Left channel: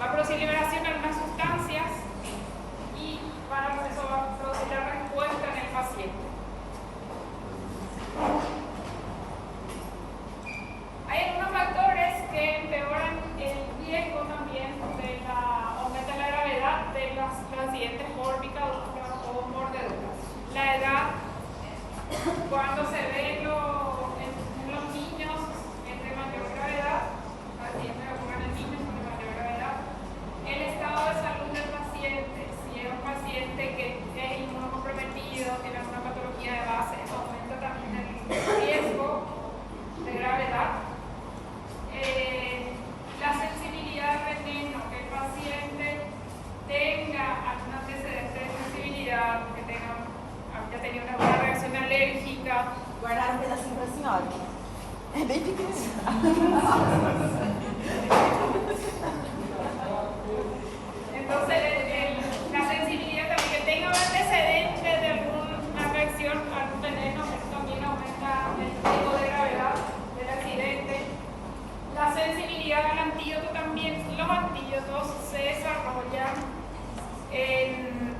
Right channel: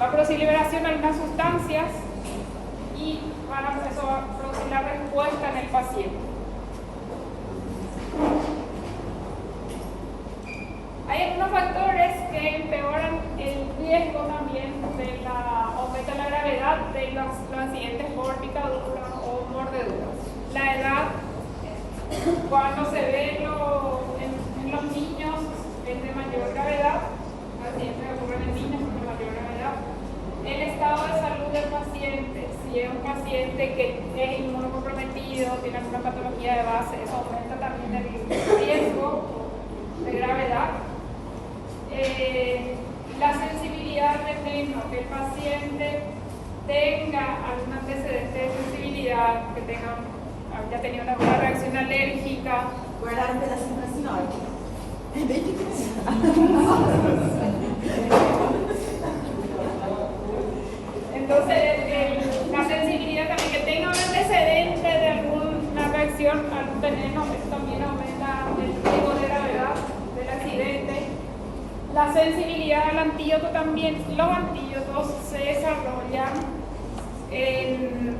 Va a producir liberación de algunas sustancias y eso va a producir la respuesta en el paciente. Hay algunos factores que empeoran el riesgo también de aumento de la gravedad de los accidentes por picadura o mordedura. La edad, cuando se ve en los niños, es de mayor gravedad, accidentes que ocurren en niños con mayor gravedad. El estado de salud del paciente, si es un paciente que es inmunocomprometido, tiene alguna patología de base, eso aumenta también el riesgo de gravedad. La sensibilidad al veneno, que el paciente tenga algún antecedente de sensibilidad, que haya tenido una reacción alérgica. Guardar un pedacito assim, olha. É bem difícil. Entonces, la sensibilidad también, que tenga un antecedente de alguna reacción a algún veneno, eso también aumenta el riesgo de gravedad del accidente. La sensibilidad al antídoto también. Los antídotos se desarrollan en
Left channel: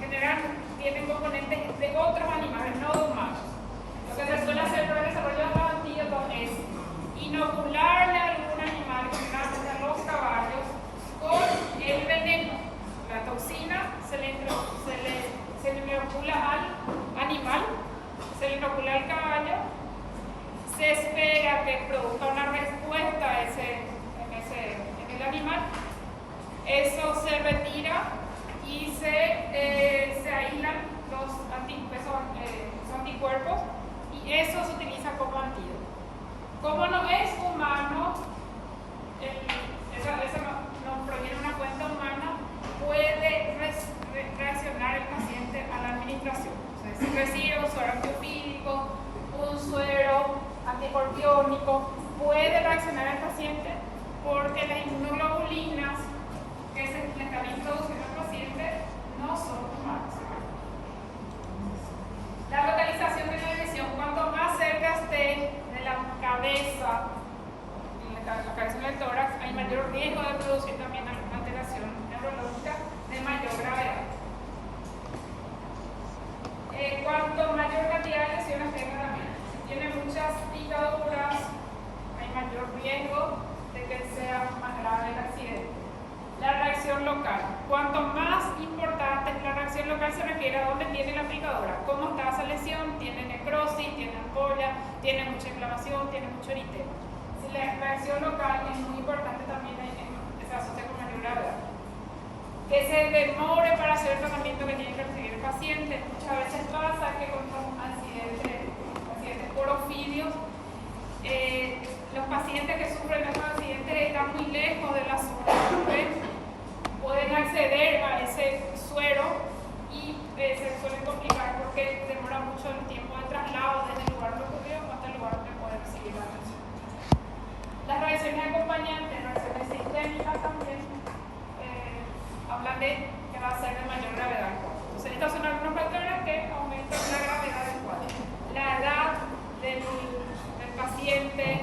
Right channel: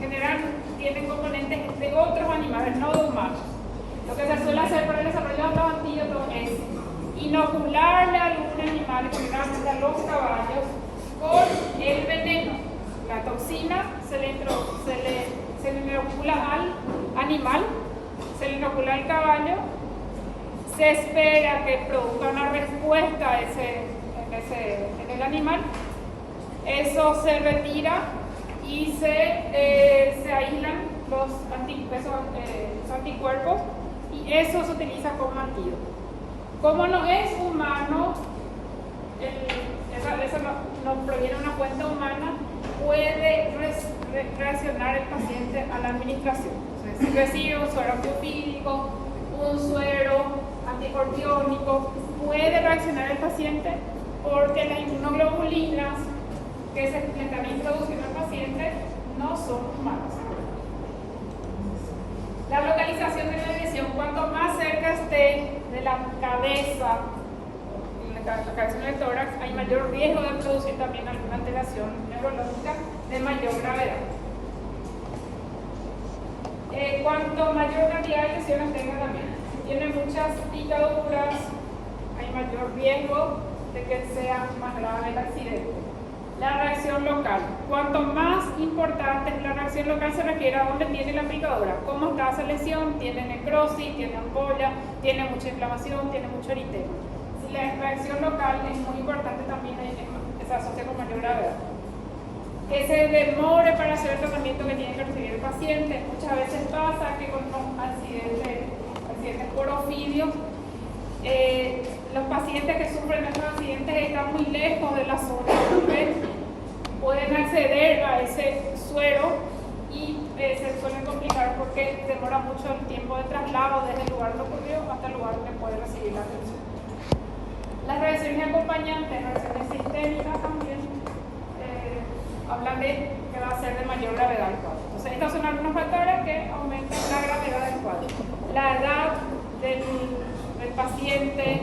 general, tienen componentes de otros animales, no de humanos. Lo que se suele hacer para el desarrollo de los antídotos es inocularle a algún animal, generalmente a los caballos, con el veneno. La toxina se le inocula al animal, se le inocula al caballo. Se espera que produzca una respuesta en el animal. Eso se retira y se aíslan los anticuerpos y eso se utiliza como antídoto. Como no es humano, eso no proviene de una fuente humana, puede reaccionar el paciente a la administración. Entonces, si recibe un suero antiofídico, un suero anticorpiónico, puede reaccionar el paciente porque las inmunoglobulinas que se le están introduciendo al paciente no son humanas. La localización de la lesión, cuanto más cerca esté de la cabeza, la cabeza del tórax, hay mayor riesgo de producir también alguna alteración neurológica de mayor gravedad. Cuanto mayor cantidad de lesiones tenga también, si tiene muchas picaduras, hay mayor riesgo de que sea más grave el accidente. La reacción local. Cuanto más importante es la reacción local, se refiere a dónde tiene la picadura, cómo está esa lesión, tiene necrosis, tiene ampolla, tiene mucha inflamación, tiene mucho eritema. Si la reacción local es muy importante también, se asocia con mayor gravedad. Que se demore para hacer el tratamiento que tiene que recibir el paciente. Muchas veces pasa que con los accidentes por ofidio, los pacientes que sufren estos accidentes están muy lejos de la zona donde pueden acceder a ese suero y se suelen complicar porque demora mucho el tiempo de traslado desde el lugar donde ocurrió hasta el lugar donde puede recibir la atención. Las reacciones acompañantes, reacciones sistémicas también, hablan de que va a ser de mayor gravedad el cuadro. Entonces, estos son algunos factores que aumentan la gravedad del cuadro. La edad del paciente,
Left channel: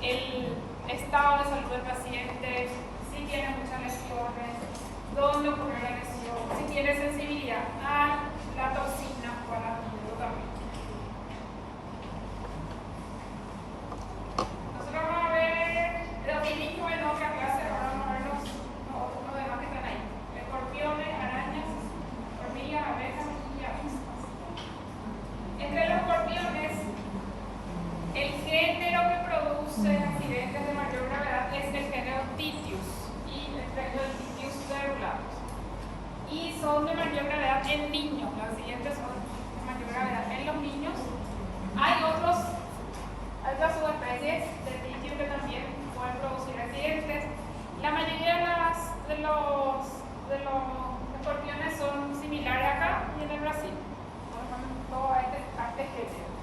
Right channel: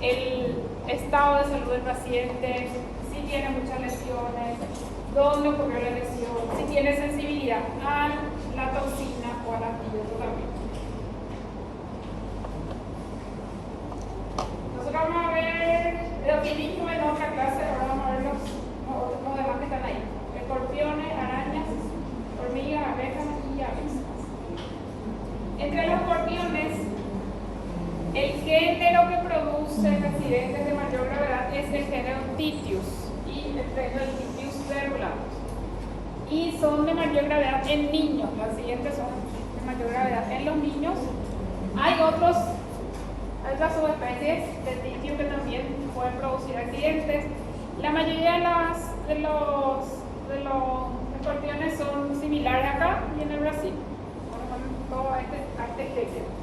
el estado de salud del paciente, si tiene muchas lesiones, dónde ocurrió la lesión, si tiene sensibilidad a la toxina o al antídoto también. Nosotros vamos a ver lo que dijimos en otra clase, ahora vamos a ver los demás que están ahí. Escorpiones, arañas, hormigas, abejas y aves. Entre los escorpiones, el género que produce accidentes de mayor gravedad es el género Titius y el género Titius verulatus. Y son de mayor gravedad en niños. Los accidentes son de mayor gravedad en los niños. Hay otras subespecies de Titius que también pueden producir accidentes. La mayoría de los escorpiones son similares acá y en el Brasil. Todo a este género.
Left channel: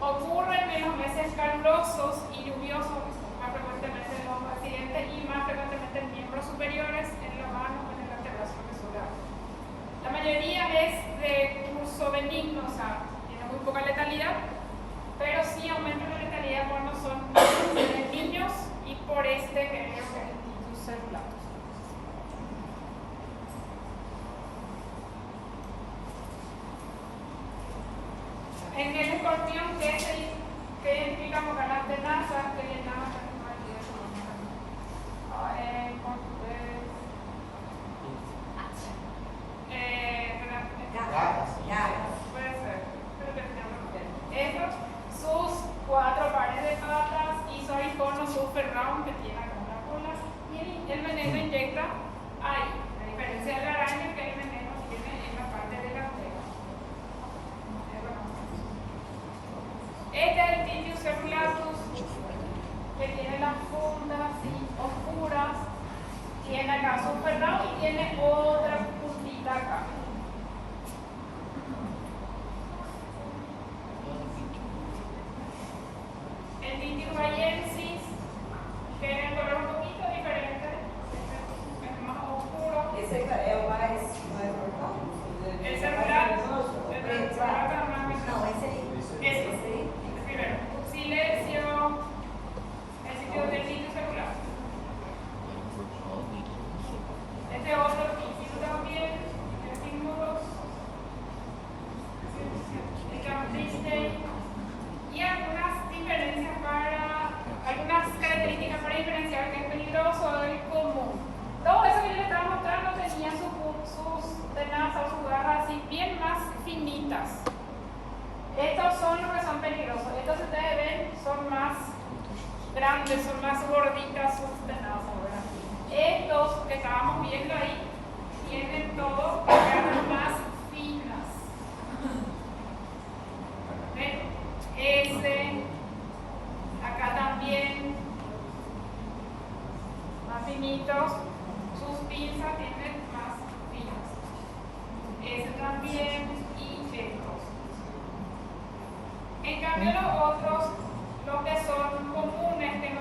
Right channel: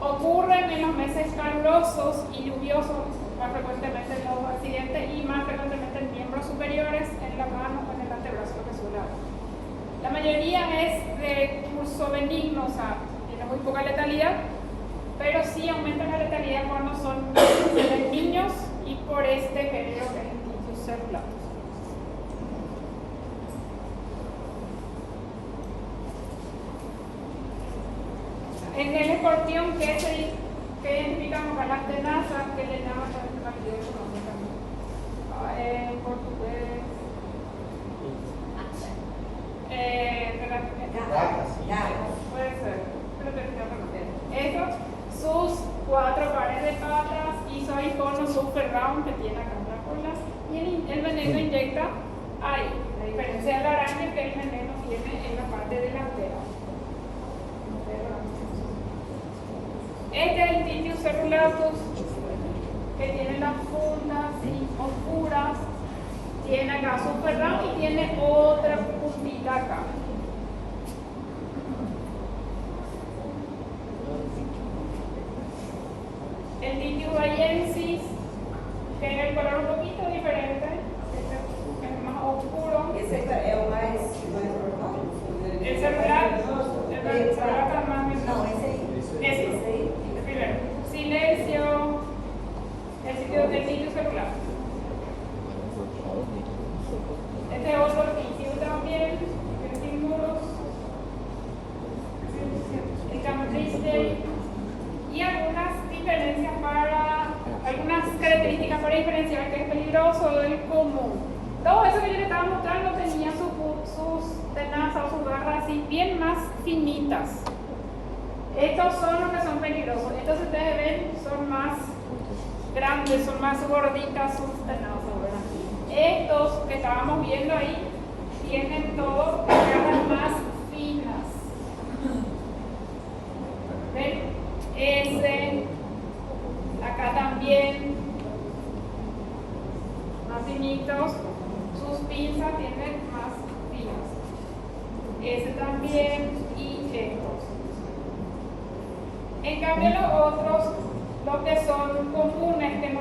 Ocurren en los meses calurosos y lluviosos más frecuentemente los accidentes y más frecuentemente en miembros superiores, en la mano o en el antebrazo que suele haber. La mayoría es de curso benigno, o sea, tiene muy poca letalidad, pero sí aumenta la letalidad cuando son niños y por este este género que es el Tintius cerulatus. En el escorpión, ¿qué identificamos con las tenazas? ¿Qué le llaman en portugués? Puede ser, pero estos, sus 4 pares de patas y su icono super round que tiene acá en la cola, y el veneno inyecta ahí, a diferencia de la araña que el veneno tiene en la parte delantera. Este es el Tintius cerulatus, que tiene las puntas oscuras, tiene acá super round y tiene otra puntita acá. El Tintius bayensis tiene el color un poquito diferente, es más oscuro. Esse é o mais normal? El cerulatus, el cerulatus más Não, esse aí. Ese, el primero. Silencio, el sitio del Tintius cerulatus. Este otro Tintius también, el Tintius, el Cambriste, y algunas características para diferenciar que es peligroso del común. Todo eso que yo les estaba mostrando tenía sus tenazas, sus garras así bien más finitas. Estos son los que son peligrosos. Estos, si ustedes ven, son más grandes, son más gorditas sus tenazas, ¿verdad? Estos que estábamos viendo ahí tienen todo garras más finas. ¿Ven? Acá también, más finitos, sus pinzas tienen más finas. Ese también y estos. En cambio los otros, los que son comunes, que no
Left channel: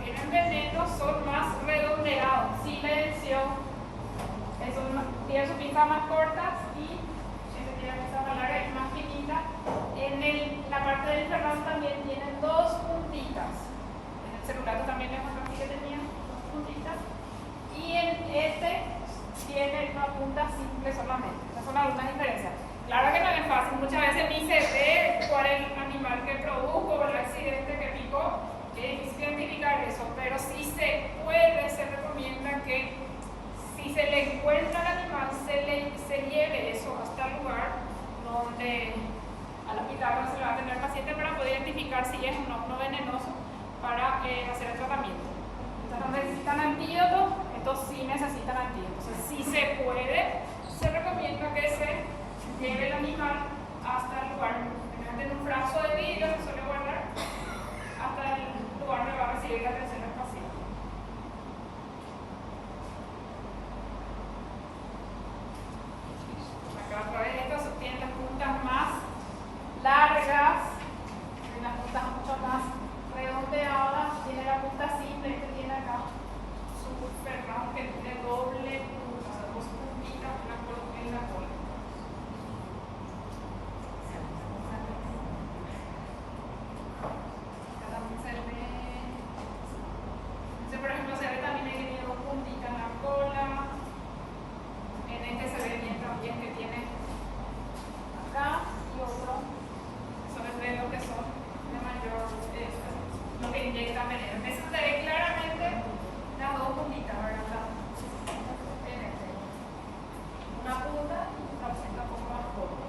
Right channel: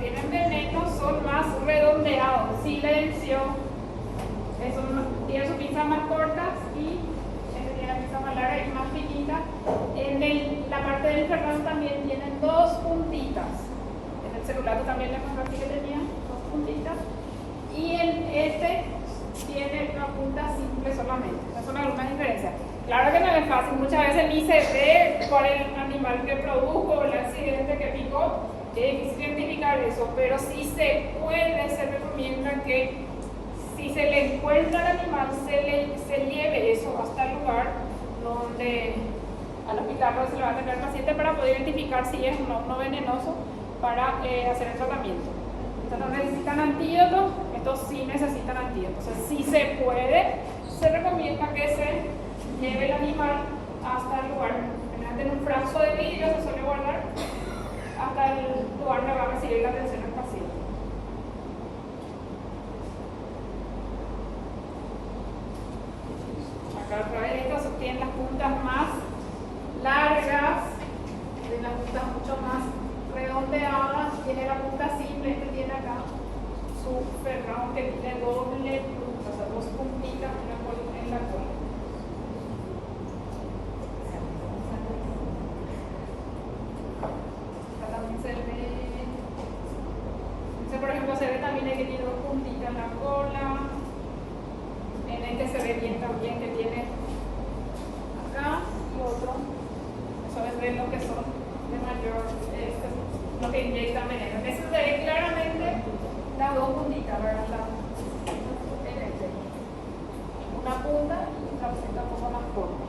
tienen veneno, son más redondeados. Silencio, tienen sus pinzas más cortas y tiene la pinza más larga y más finita. En la parte del ferrán también tienen 2 puntitas. En el cerulatus también les mostré aquí que tenía 2 puntitas. Y en este tiene una punta simple solamente. Esas son algunas diferencias. Claro que no es fácil, muchas veces ni se ve cuál es el animal que produjo o el accidente que picó. Es difícil identificar eso, pero sí se recomienda que si se le encuentra al animal, se lleve eso hasta el lugar donde al hospital donde se le va a atender al paciente para poder identificar si es no venenoso para hacer el tratamiento. Estos no necesitan antídoto, estos sí necesitan antídoto. Entonces, si se puede, se recomienda que se lleve el animal hasta el lugar, en un frasco de vidrio se suele guardar hasta el lugar donde va a recibir la atención del paciente. Acá otra vez estos tienen las puntas más largas, tienen las puntas mucho más redondeadas, tiene la punta simple, este tiene acá su ferrán que tiene doble punta, o sea, 2 puntitas en la cola. Por ejemplo, se ve también que tiene 2 puntitas en la cola. En este se ve bien también que tiene acá y otro. Eso es de lo que son de mayor, lo que inyecta veneno. En este se ve claramente las 2 puntitas, ¿verdad? En este. Una punta y una punta un poco más corta.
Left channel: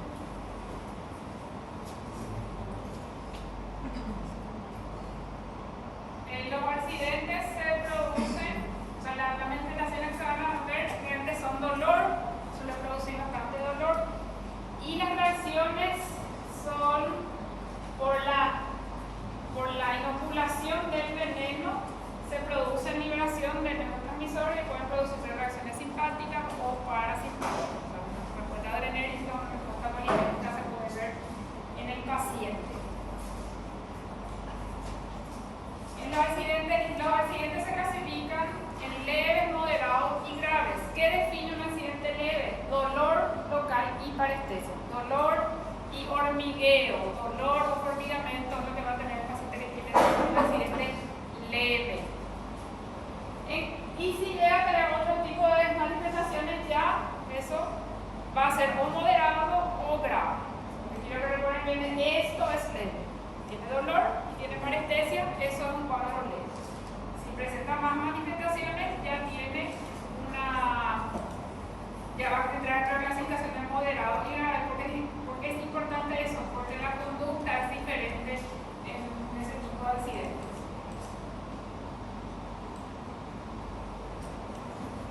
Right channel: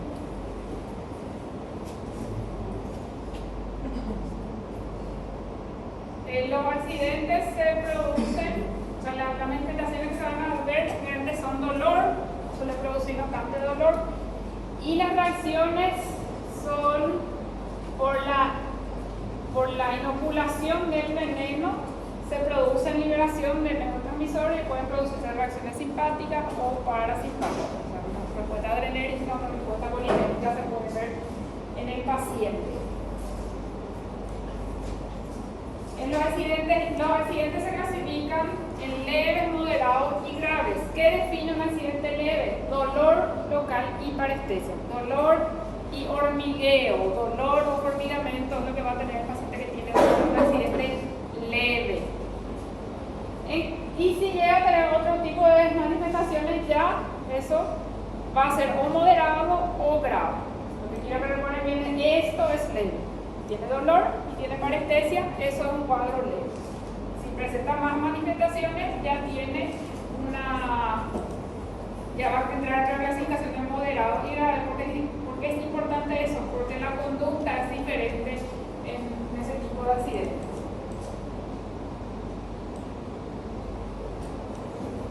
Los accidentes se producen, o sea, las manifestaciones que se van a ver realmente son dolor, suele producir bastante dolor, y las reacciones son por la inoculación del veneno, se produce liberación de neurotransmisores y pueden producirse reacciones simpáticas o parasimpáticas. Una respuesta adrenérgica o una respuesta colinérgica se puede ver en el paciente. Los accidentes se clasifican en leves, moderados y graves. ¿Qué define un accidente leve? Dolor local y parestesia. Dolor y hormigueo. Dolor o hormigamiento es lo que va a tener el paciente que tiene un accidente leve. manifestaciones ya eso va a ser o moderado o grave. Lo que quiero que recuerden bien es esto es leve. Tiene dolor y tiene parestesia, eso es un cuadro leve. Si presenta más manifestaciones, ya tiene ya va a entrar otra clasificación de moderado y grave. Porque es importante eso, porque la conducta es diferente en ese tipo de accidentes.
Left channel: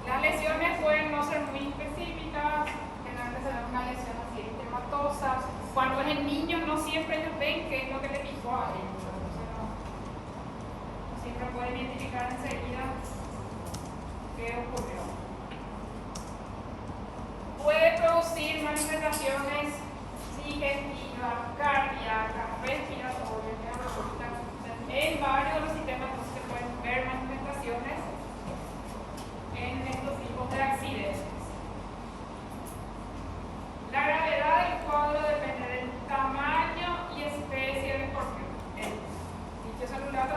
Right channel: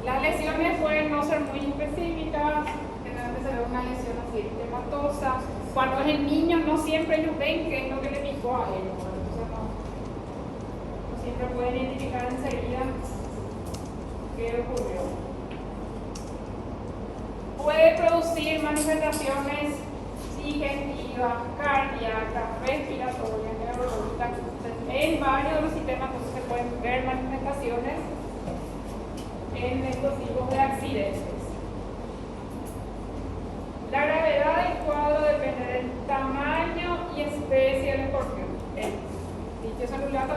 Las lesiones pueden no ser muy específicas, generalmente se ve una lesión así eritematosa. Cuando es en niños, no siempre ellos ven qué es lo que le picó a ellos, entonces no siempre pueden identificar enseguida qué ocurrió. Puede producir manifestaciones digestivas, cardíacas, respiratorias, neurológicas. En varios de los sistemas entonces se pueden ver manifestaciones en estos tipos de accidentes. La gravedad del cuadro depende del tamaño y especie del escorpión. El dicho celular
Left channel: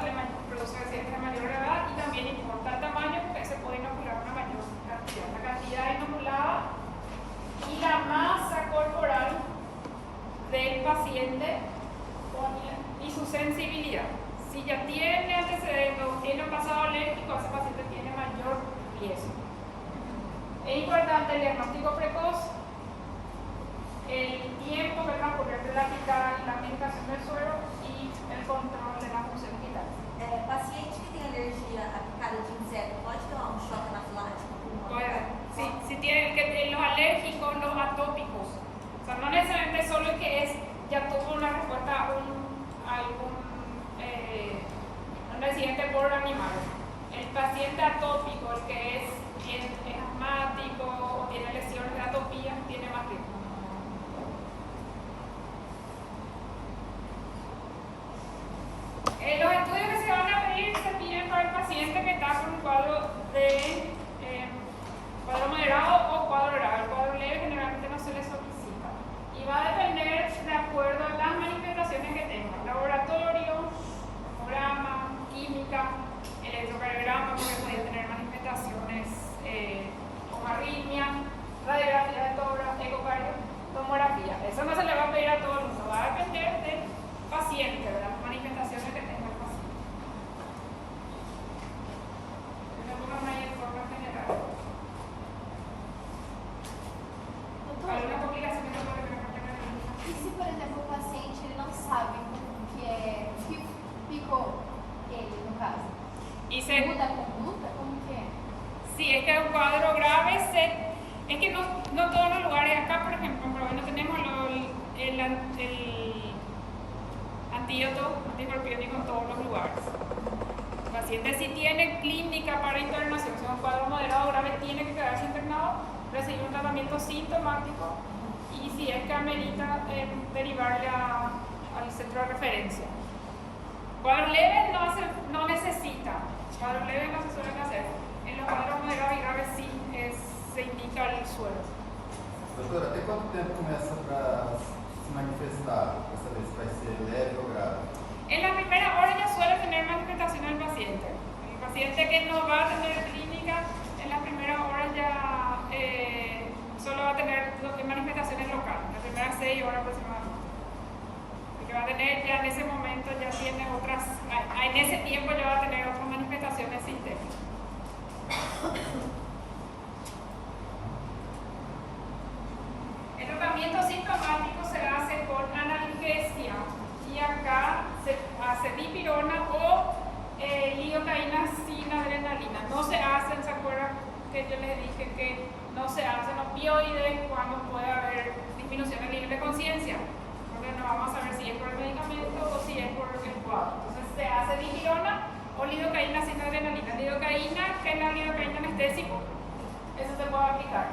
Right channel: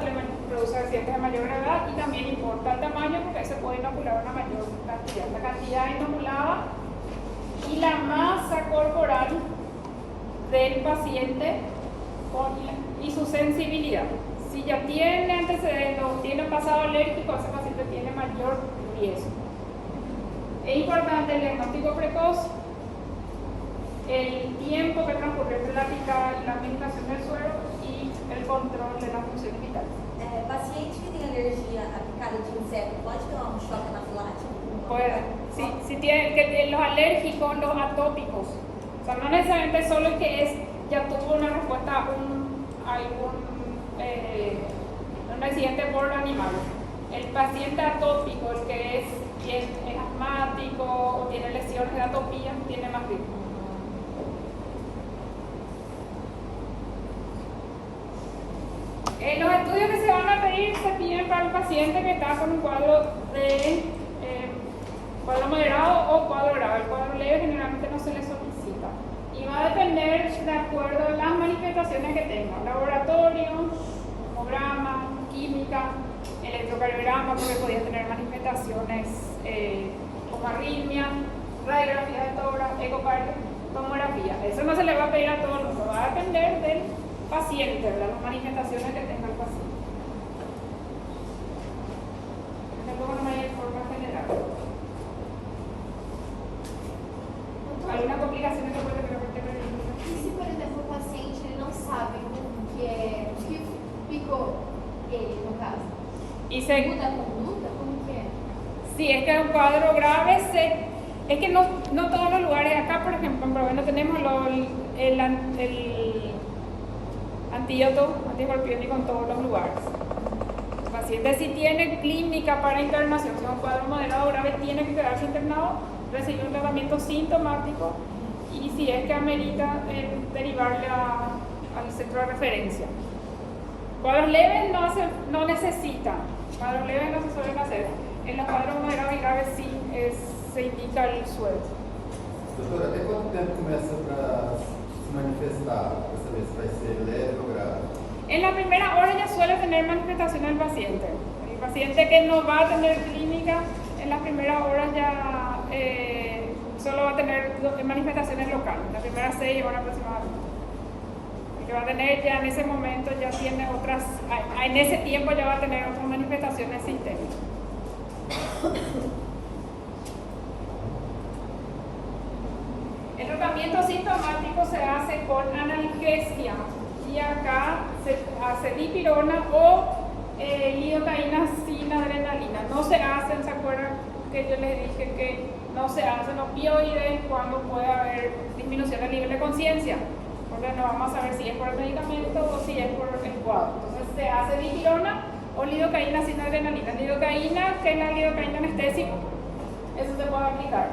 produce accidentes de mayor gravedad y también importa el tamaño porque se puede inocular una mayor cantidad. La cantidad inoculada y la masa corporal del paciente y su sensibilidad. Si ya tiene antecedentes o tiene un pasado alérgico, ese paciente tiene mayor riesgo. Es importante el diagnóstico precoz, el tiempo que transcurrió entre la picada y la administración del suero y el control de las funciones vitales. Paciente que tem alergia à picada de inseto pode tomar um choque anafilático? Puede. Si tiene que los alérgicos, los atópicos, o sea, no necesariamente solo el que ya tuvo una respuesta a un accidente por animal. El paciente atópico, el que es asmático o tiene lesiones de atopía, tiene más riesgo. Los estudios que se van a pedir se piden para el paciente que está con un cuadro de cuadro moderado o cuadro grave. El cuadro leve generalmente no se le solicita. Y va a depender de acuerdo a las manifestaciones que tenga. Laboratorio, tomograma, química, electrocardiograma, porque podía tener manifestaciones como arritmia, radiografía de tórax, ecocardio, tomografía. Eso no se le va a pedir a todo el mundo, va a depender del paciente, ¿verdad? Las manifestaciones que tenga el paciente. Luego no hay forma general. ¿Alguna complicación que puede tener? E se, por exemplo, o paciente ele não sabe que picou ele, no caso? Muda a conduta? Como que é? Sí, es que un cuadro grave es que no todos los lugares, acá por ejemplo en Proveno tenemos el antídoto antiescorpiónico en todos los lugares. El paciente si tiene clínica para internación, si es un cuadro moderado o grave, tiene que quedarse internado, recibir un tratamiento sintomático y si es que amerita derivarle al centro de referencia. Cuadros leves no necesitan, cuadros leves no se suelen hacer. En los cuadros moderados y graves sí se indica el suelo. Doutora, até quanto tempo começa para se manifestar? Para saber se vai ser leve o grave? En la primera hora ya suele tener manifestación el paciente. El paciente que no va a tener clínica, en las primeras horas ya solo va a tener manifestaciones locales, las primeras 6 horas aproximadamente. El que va a tener ya en ese momento ya tiene otras, en ese tiempo ya va a tener otras manifestaciones sistémicas. El tratamiento sintomático se hace con analgesia y acá se hace dipirona o lidocaína sin adrenalina. No se hacen, ¿se acuerdan que yo les dije que no se hacen opioides cuando puede haber disminución del nivel de conciencia? Porque no vamos a saber si es por el medicamento o si es por el cuadro. Entonces se hace dipirona o lidocaína sin adrenalina. Lidocaína, que es la lidocaína anestésico, eso se puede aplicar.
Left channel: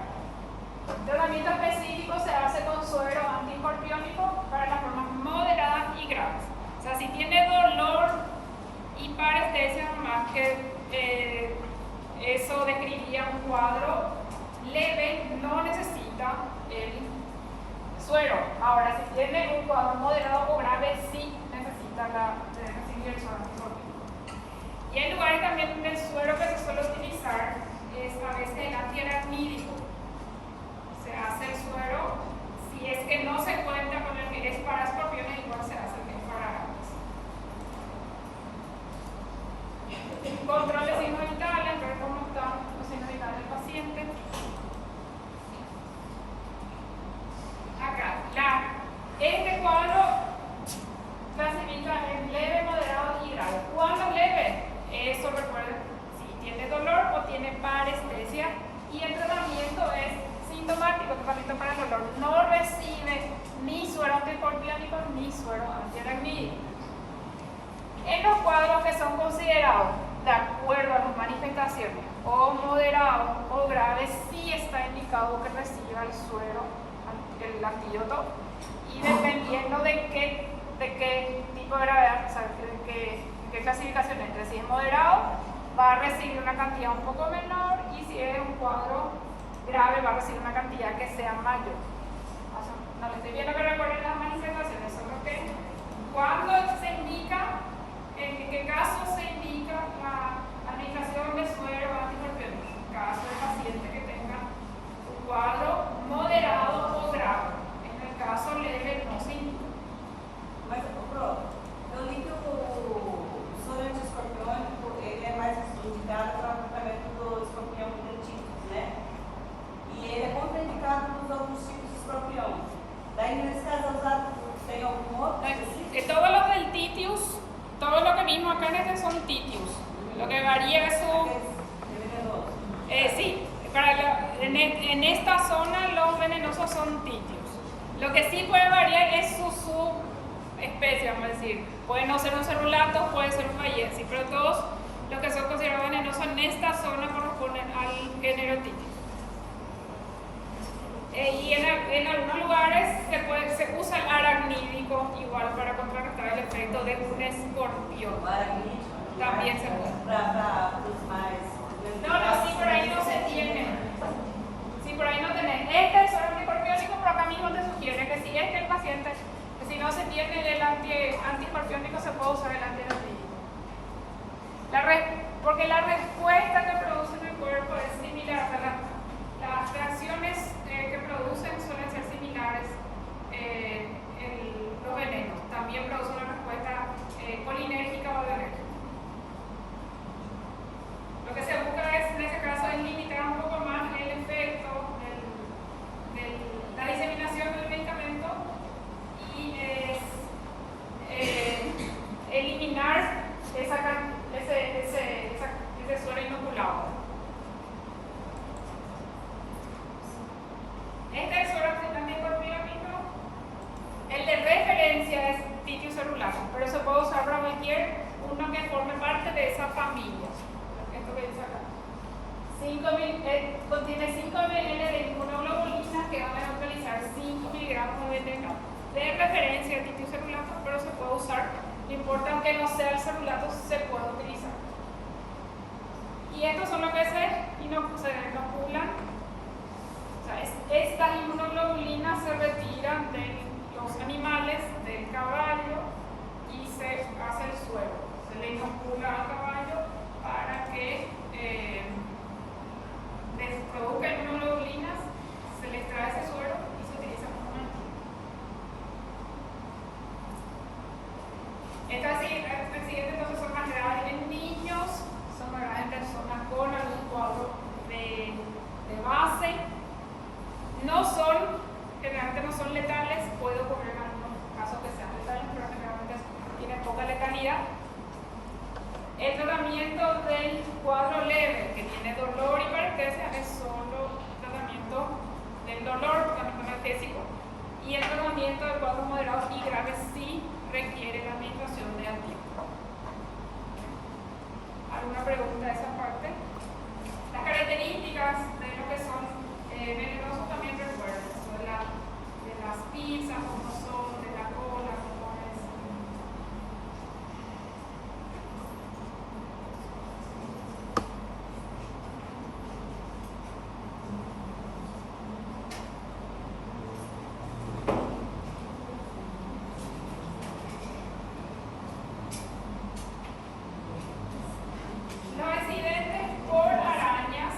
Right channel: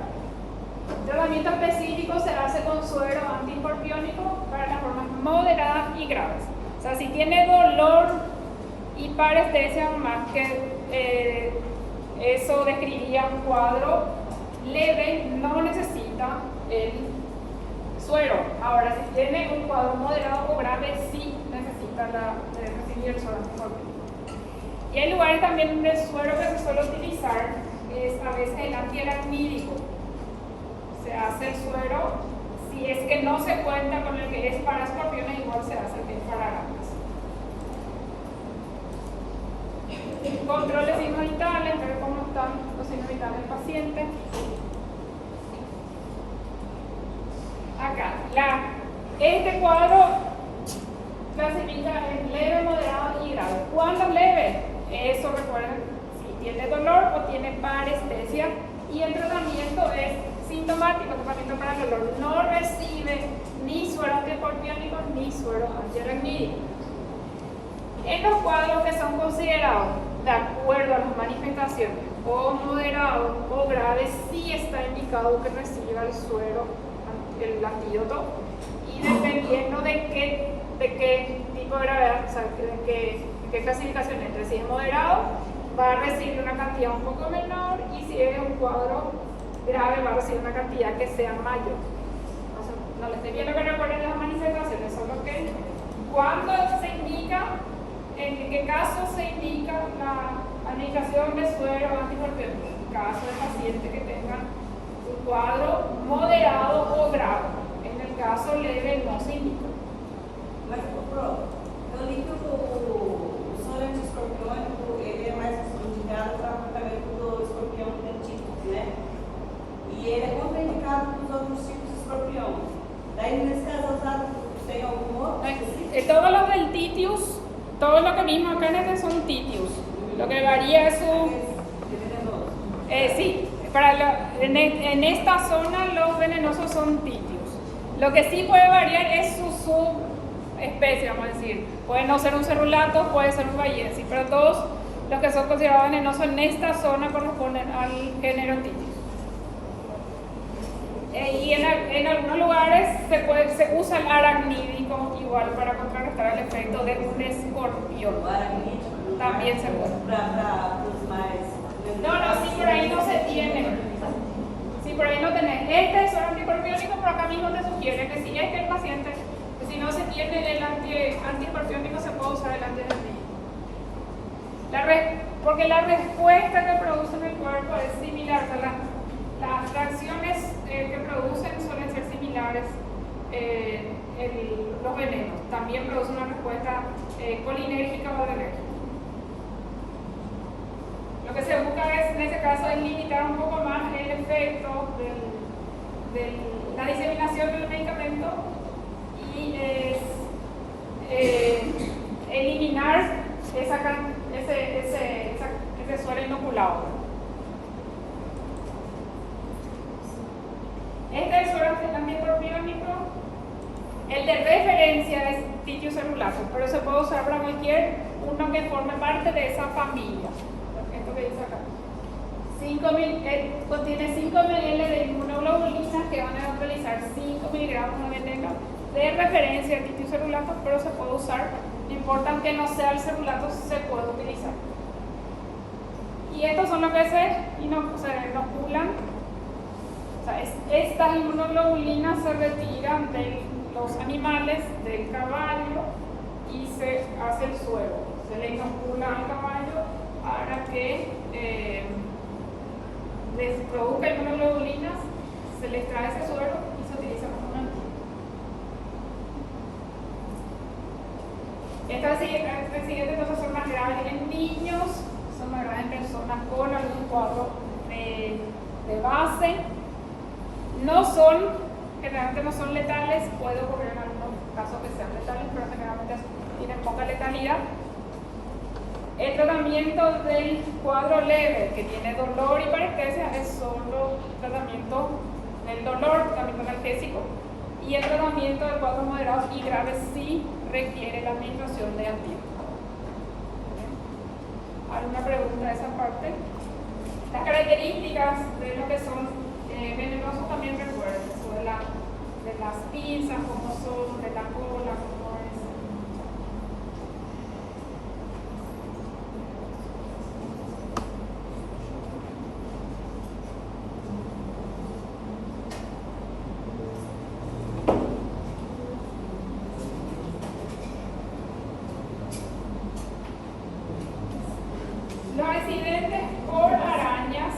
El tratamiento específico se hace con suero antiescorpiónico para las formas moderadas y graves. O sea, si tiene dolor y parestesia, más que eso describiría un cuadro leve, no necesita el suero. Ahora, si tiene un cuadro moderado o grave, sí necesita recibir el suero antiescorpiónico. Y hay lugares también donde el suero que se suele utilizar es a veces el antiaracnídico. se hace el suero. Si es que no se cuenta con el que es para escorpiones, igual se hace el que es para arañas. Control de signos vitales, ver cómo están los signos vitales del paciente. Acá, este cuadro clasifica en leve, moderado y grave. ¿Cuándo es leve? Eso recuerden, si tiene dolor o tiene parestesia. Y el tratamiento es sintomático, tratamiento para el dolor. No recibe ni suero antiescorpiónico ni suero antiaracnídico. En los cuadros que son considerados de acuerdo a las manifestaciones o moderados o graves, sí está indicado que reciba el suero, el antídoto, y dependiendo de qué tipo de gravedad, o sea, de qué clasificación entre. Si es moderado, va a recibir una cantidad un poco menor, y si es un cuadro grave, va a recibir una cantidad que sea mayor. O sea, no les estoy viendo que recuerden las manifestaciones, solo que cuando se indica, en qué caso se indica la administración de suero antiescorpiónico. En caso del paciente que tenga un cuadro moderado o grave. En el caso leve no se indica. Mas, Pro, eu li que o soro antiescorpiônico ele é mais indicado para o tratamento do escorpião dentífrico, né? E ele é contraindicado para os outros tipos de escorpião. Daí, nesse caso, usado, tem algum outro? Todos los del Titius, todo lo que vimos acá en este son Titius. Lo que varía es su... sí, en esta zona los venenosos son Titius. Lo que sí puede variar es su subespecie, vamos a decir. Puede no ser un cerulato, puede ser un bayesi, pero todos los que son considerados venenosos en esta zona corresponden al género Titius. Y en algunos lugares se usa el aracnídico igual para contrarrestar el efecto de un escorpión. También se puede. No, si por ahí no se tiene. Si por ahí no tenés este suero antiescorpiónico, pero acá mismo te sugiere que si es que el paciente, que si no se tiene el antiescorpiónico, se puede usar el antiaracnídico. Porque la respuesta que produce en el cuerpo es similar. O sea, las reacciones que producen suelen ser similares. Los venenos también producen una respuesta colinérgica o alérgica. Lo que se busca es, en este caso, es limitar un poco más el efecto de la diseminación del medicamento y eliminar ese suero inoculado. Este es el suero antiescorpiónico. El de referencia es Titius cerulatus, pero se puede usar para cualquier uno que forme parte de esa familia. Esto que dice acá. Contiene 5 ml de inmunoglobulinas que van a neutralizar 5 miligramos de veneno de referencia de Titius cerulatus, pero se puede usar. No importa que no sea el cerulato, se puede utilizar. Y estos son los que se inoculan. O sea, estas inmunoglobulinas se retiran de los animales, del caballo, y se hace el suero. Se le inocula al caballo para que les produzca inmunoglobulinas, se le extrae ese suero y se utiliza como un antídoto. Estas siguientes no son más graves en niños, son más graves en personas con algún cuadro de base. Generalmente no son letales, puede ocurrir en algunos casos que sean letales, pero generalmente tienen poca letalidad. El tratamiento del cuadro leve, que tiene dolor y parestesia, es solo tratamiento del dolor, tratamiento analgésico. Y el tratamiento del cuadro moderado y grave sí requiere la administración de antídotos. ¿Alguna pregunta de esa parte? Las características de lo que son venenosos también recuerden, de las pinzas, como son, de la cola, como es. Los accidentes por arañas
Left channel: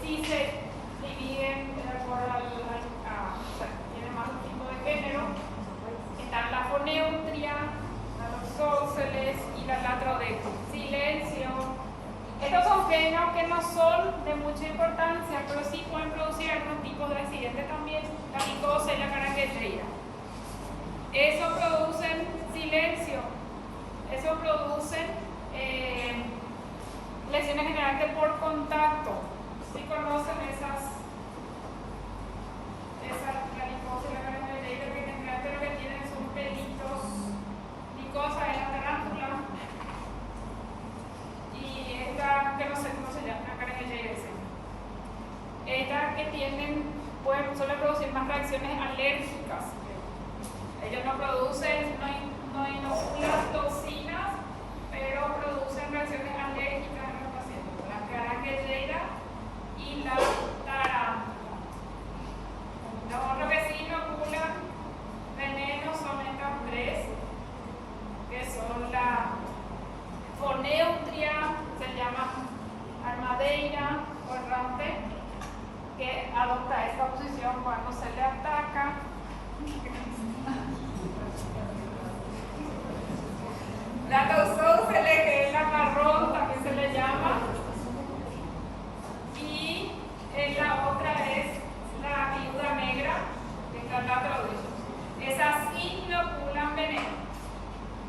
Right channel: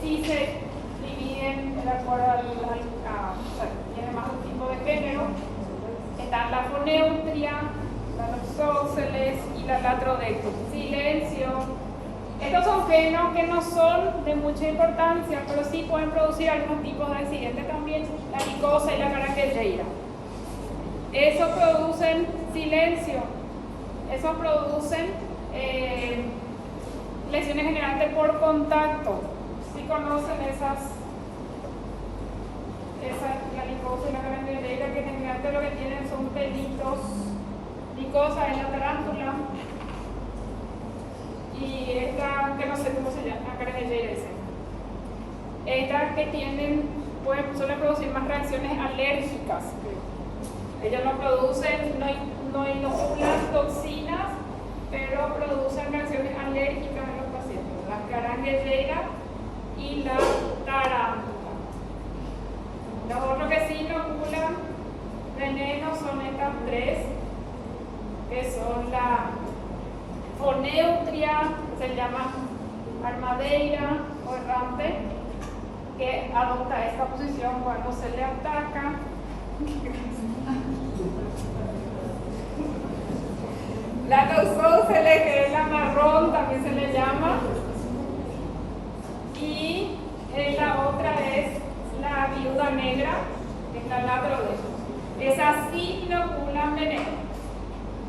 sí se dividen de acuerdo o sea, tienen más un tipo de género. Están la foneutria, la loxósceles y la latrodectus. Silencio. Estos son géneros que no son de mucha importancia, pero sí pueden producir algunos tipos de accidentes también, la micosa y la caranguejeira. Eso producen silencio, eso producen lesiones generalmente por contacto. Si conocen la micosa y la caranguejeira, que generalmente lo que tienen son pelitos, micosa en la tarántula, y esta que no sé cómo se llama, la caranguejeira. Estas que suelen producir más reacciones alérgicas. Ellos no producen, no inoculan toxinas, pero producen reacciones alérgicas en los pacientes. La caranguejeira y la tarántula. Los otros que sí inoculan veneno son estas tres, que son la foneutria, que se llama armadeira o errante, que adopta esta posición cuando se le ataca. La loxósceles, que es la marrón, también se le llama. Y la otra es la viuda negra, que es la latrodectus. Esas sí inoculan veneno.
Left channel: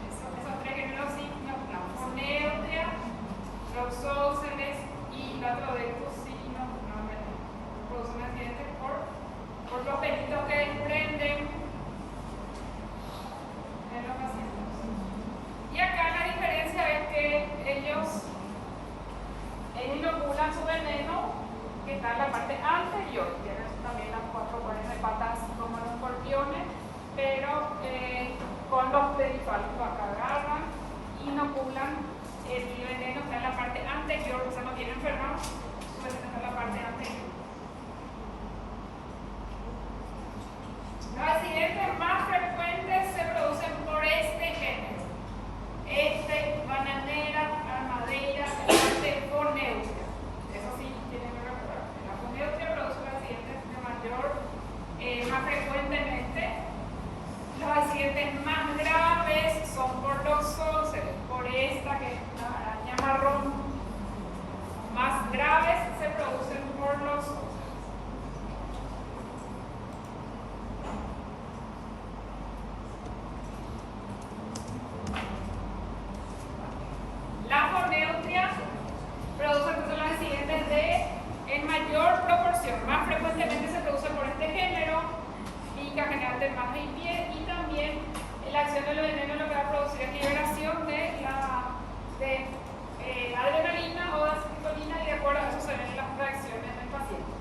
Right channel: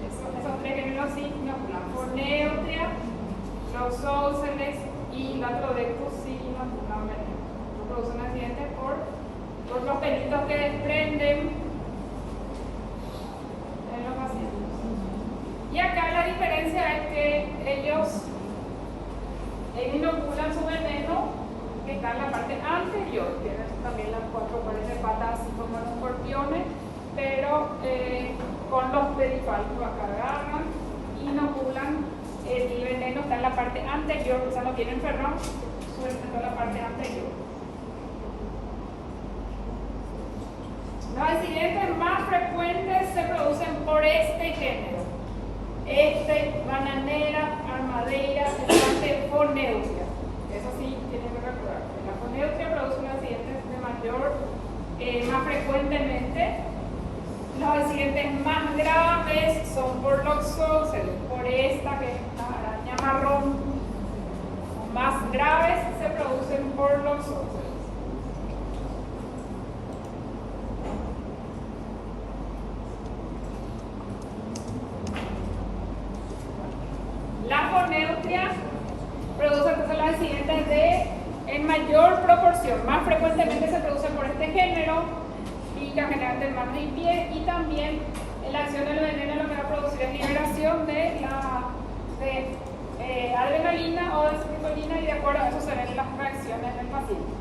Esos tres géneros sí inoculan. Foneutria, loxósceles y latrodectus sí inoculan veneno. Producen accidentes por los pelitos que desprenden en los pacientes. Y acá la diferencia es que ellos inoculan su veneno, que está en la parte anterior. Tienen también las 4 pares de patas como los escorpiones, pero con los pedifalcos acá agarran, inoculan el veneno, está en la parte anterior, o sea, no tienen ferrón, está en la parte anterior. Los accidentes más frecuentes se producen por este género. Bananera, armadeira, foneutria. Eso sí, tienen que recordar. La foneutria produce un accidente más frecuentemente. Los accidentes más graves son por loxósceles, por esta que es la araña marrón. Los más graves se producen por loxósceles. La foneutria produce entonces los accidentes en mayor proporción. Más frecuentemente se produce por este género, pica generalmente en manos y pies, y también la acción del veneno lo que va a producir es liberación de adrenalina o de acetilcolina, y de acuerdo a eso se ven las reacciones del paciente.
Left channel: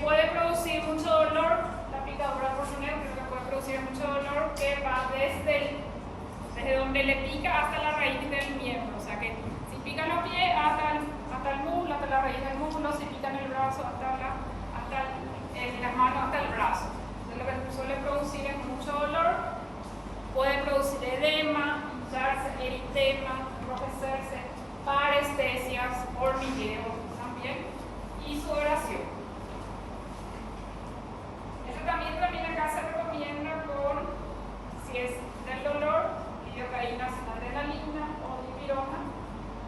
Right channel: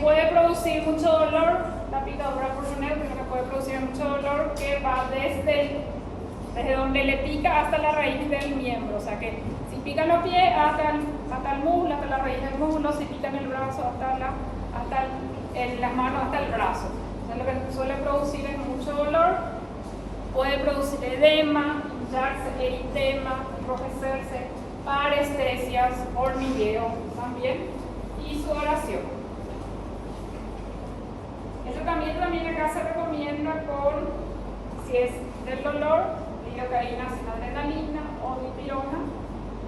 Puede producir mucho dolor, la picadura por foneutria, que puede producir mucho dolor, que va desde donde le pica hasta la raíz del miembro. O sea que si pica los pies hasta el muslo, hasta la raíz del muslo, si pica en el brazo en las manos hasta el brazo. Entonces, lo que suele producir es mucho dolor, puede producir edema, hincharse, eritema, enrojecerse, parestesias, hormigueo también, y sudoración. Esto también acá se recomienda si es del dolor, lidocaína sin adrenalina o dipirona,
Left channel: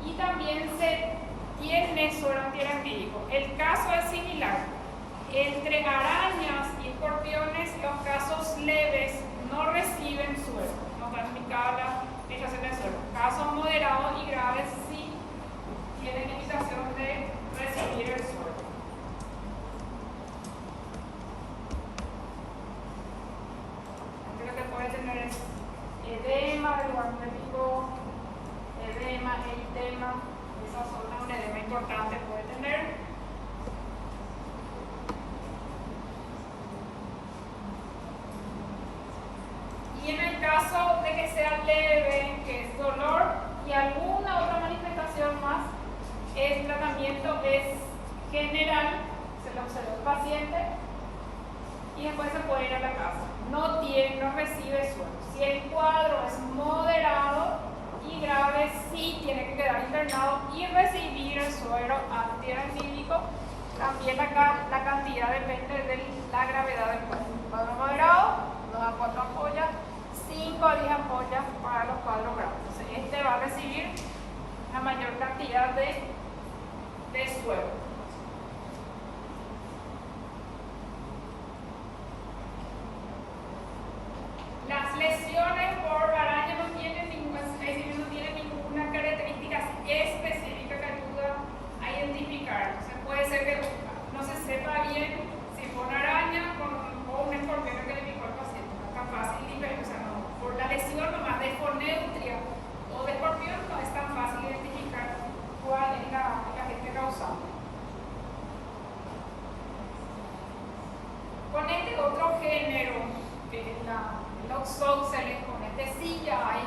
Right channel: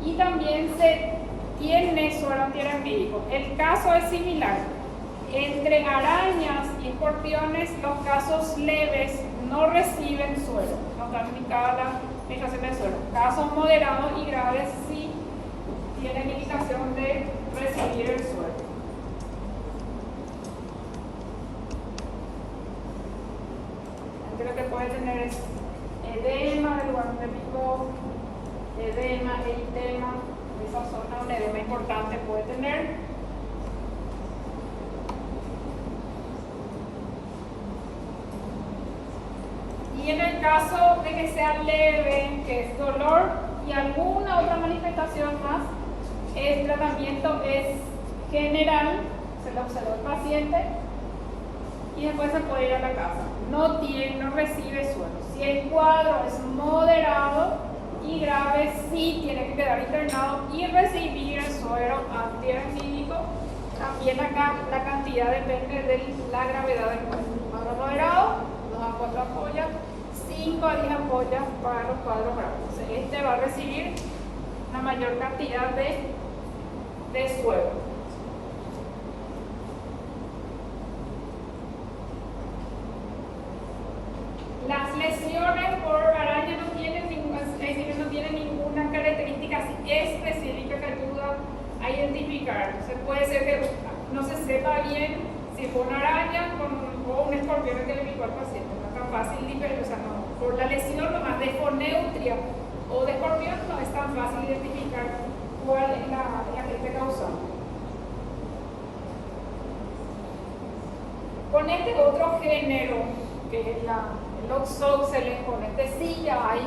y también se tiene suero antiaracnídico. El caso es similar. Entre arañas y escorpiones, los casos leves no reciben suero, no está indicada la administración de suero. Casos moderados y graves sí tienen indicación de recibir el suero. Lo que puede tener es edema del lugar donde picó, edema, eritema, esa zona, un edema importante puede tener. Y en el caso de que sea leve, que es dolor y alguna otra manifestación más, el tratamiento es general, se lo observa el paciente y después se puede ir a la casa. No recibe suero. Si el cuadro es moderado y grave sí tiene que quedar internado y recibir el suero antiarrítico. También acá la cantidad depende de la gravedad del cuadro. Cuadro moderado, 2 a 4 ampollas, 5 a 10 ampollas para los cuadros graves. Entonces, este va a recibir la mayor cantidad de suero. Las lesiones por araña no tienen ninguna característica específica que ayuda a identificar. Puede ser que no se sepa bien si fue una araña o un escorpión que le picó al paciente. No es tan fácil diferenciar. O sea, no, por la lesión nomás de foneutria o de escorpión no es tan fácil identificar cuál es la agente causante. Con este otro género, que es el Oxoceles, con este sí ya hay,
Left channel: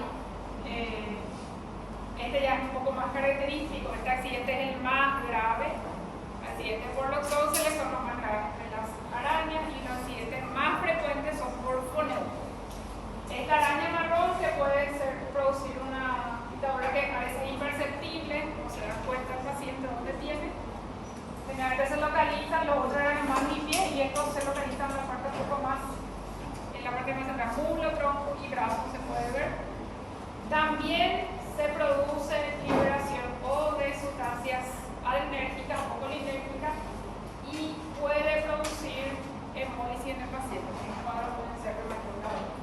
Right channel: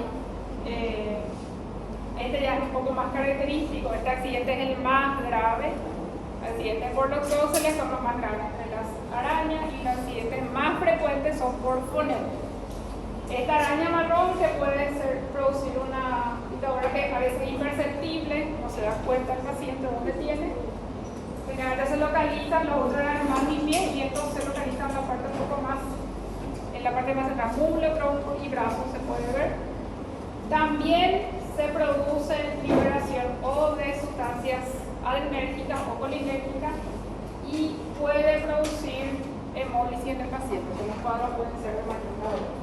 este ya es un poco más característico. Este accidente es el más grave. Accidentes por Oxoceles son los más graves de las arañas y los accidentes más frecuentes son por foneutria. Esta araña marrón que puede producir una picadura que parece imperceptible, no se da cuenta el paciente dónde tiene. Generalmente se localizan los otros arañas más limpios y estos se localizan en la parte un poco más, en la parte más central, muslo, tronco y brazo se puede ver. También se produce liberación o de sustancias adrenérgicas o colinérgicas y puede producir hemólisis en el paciente, que los cuadros pueden ser de mayor gravedad.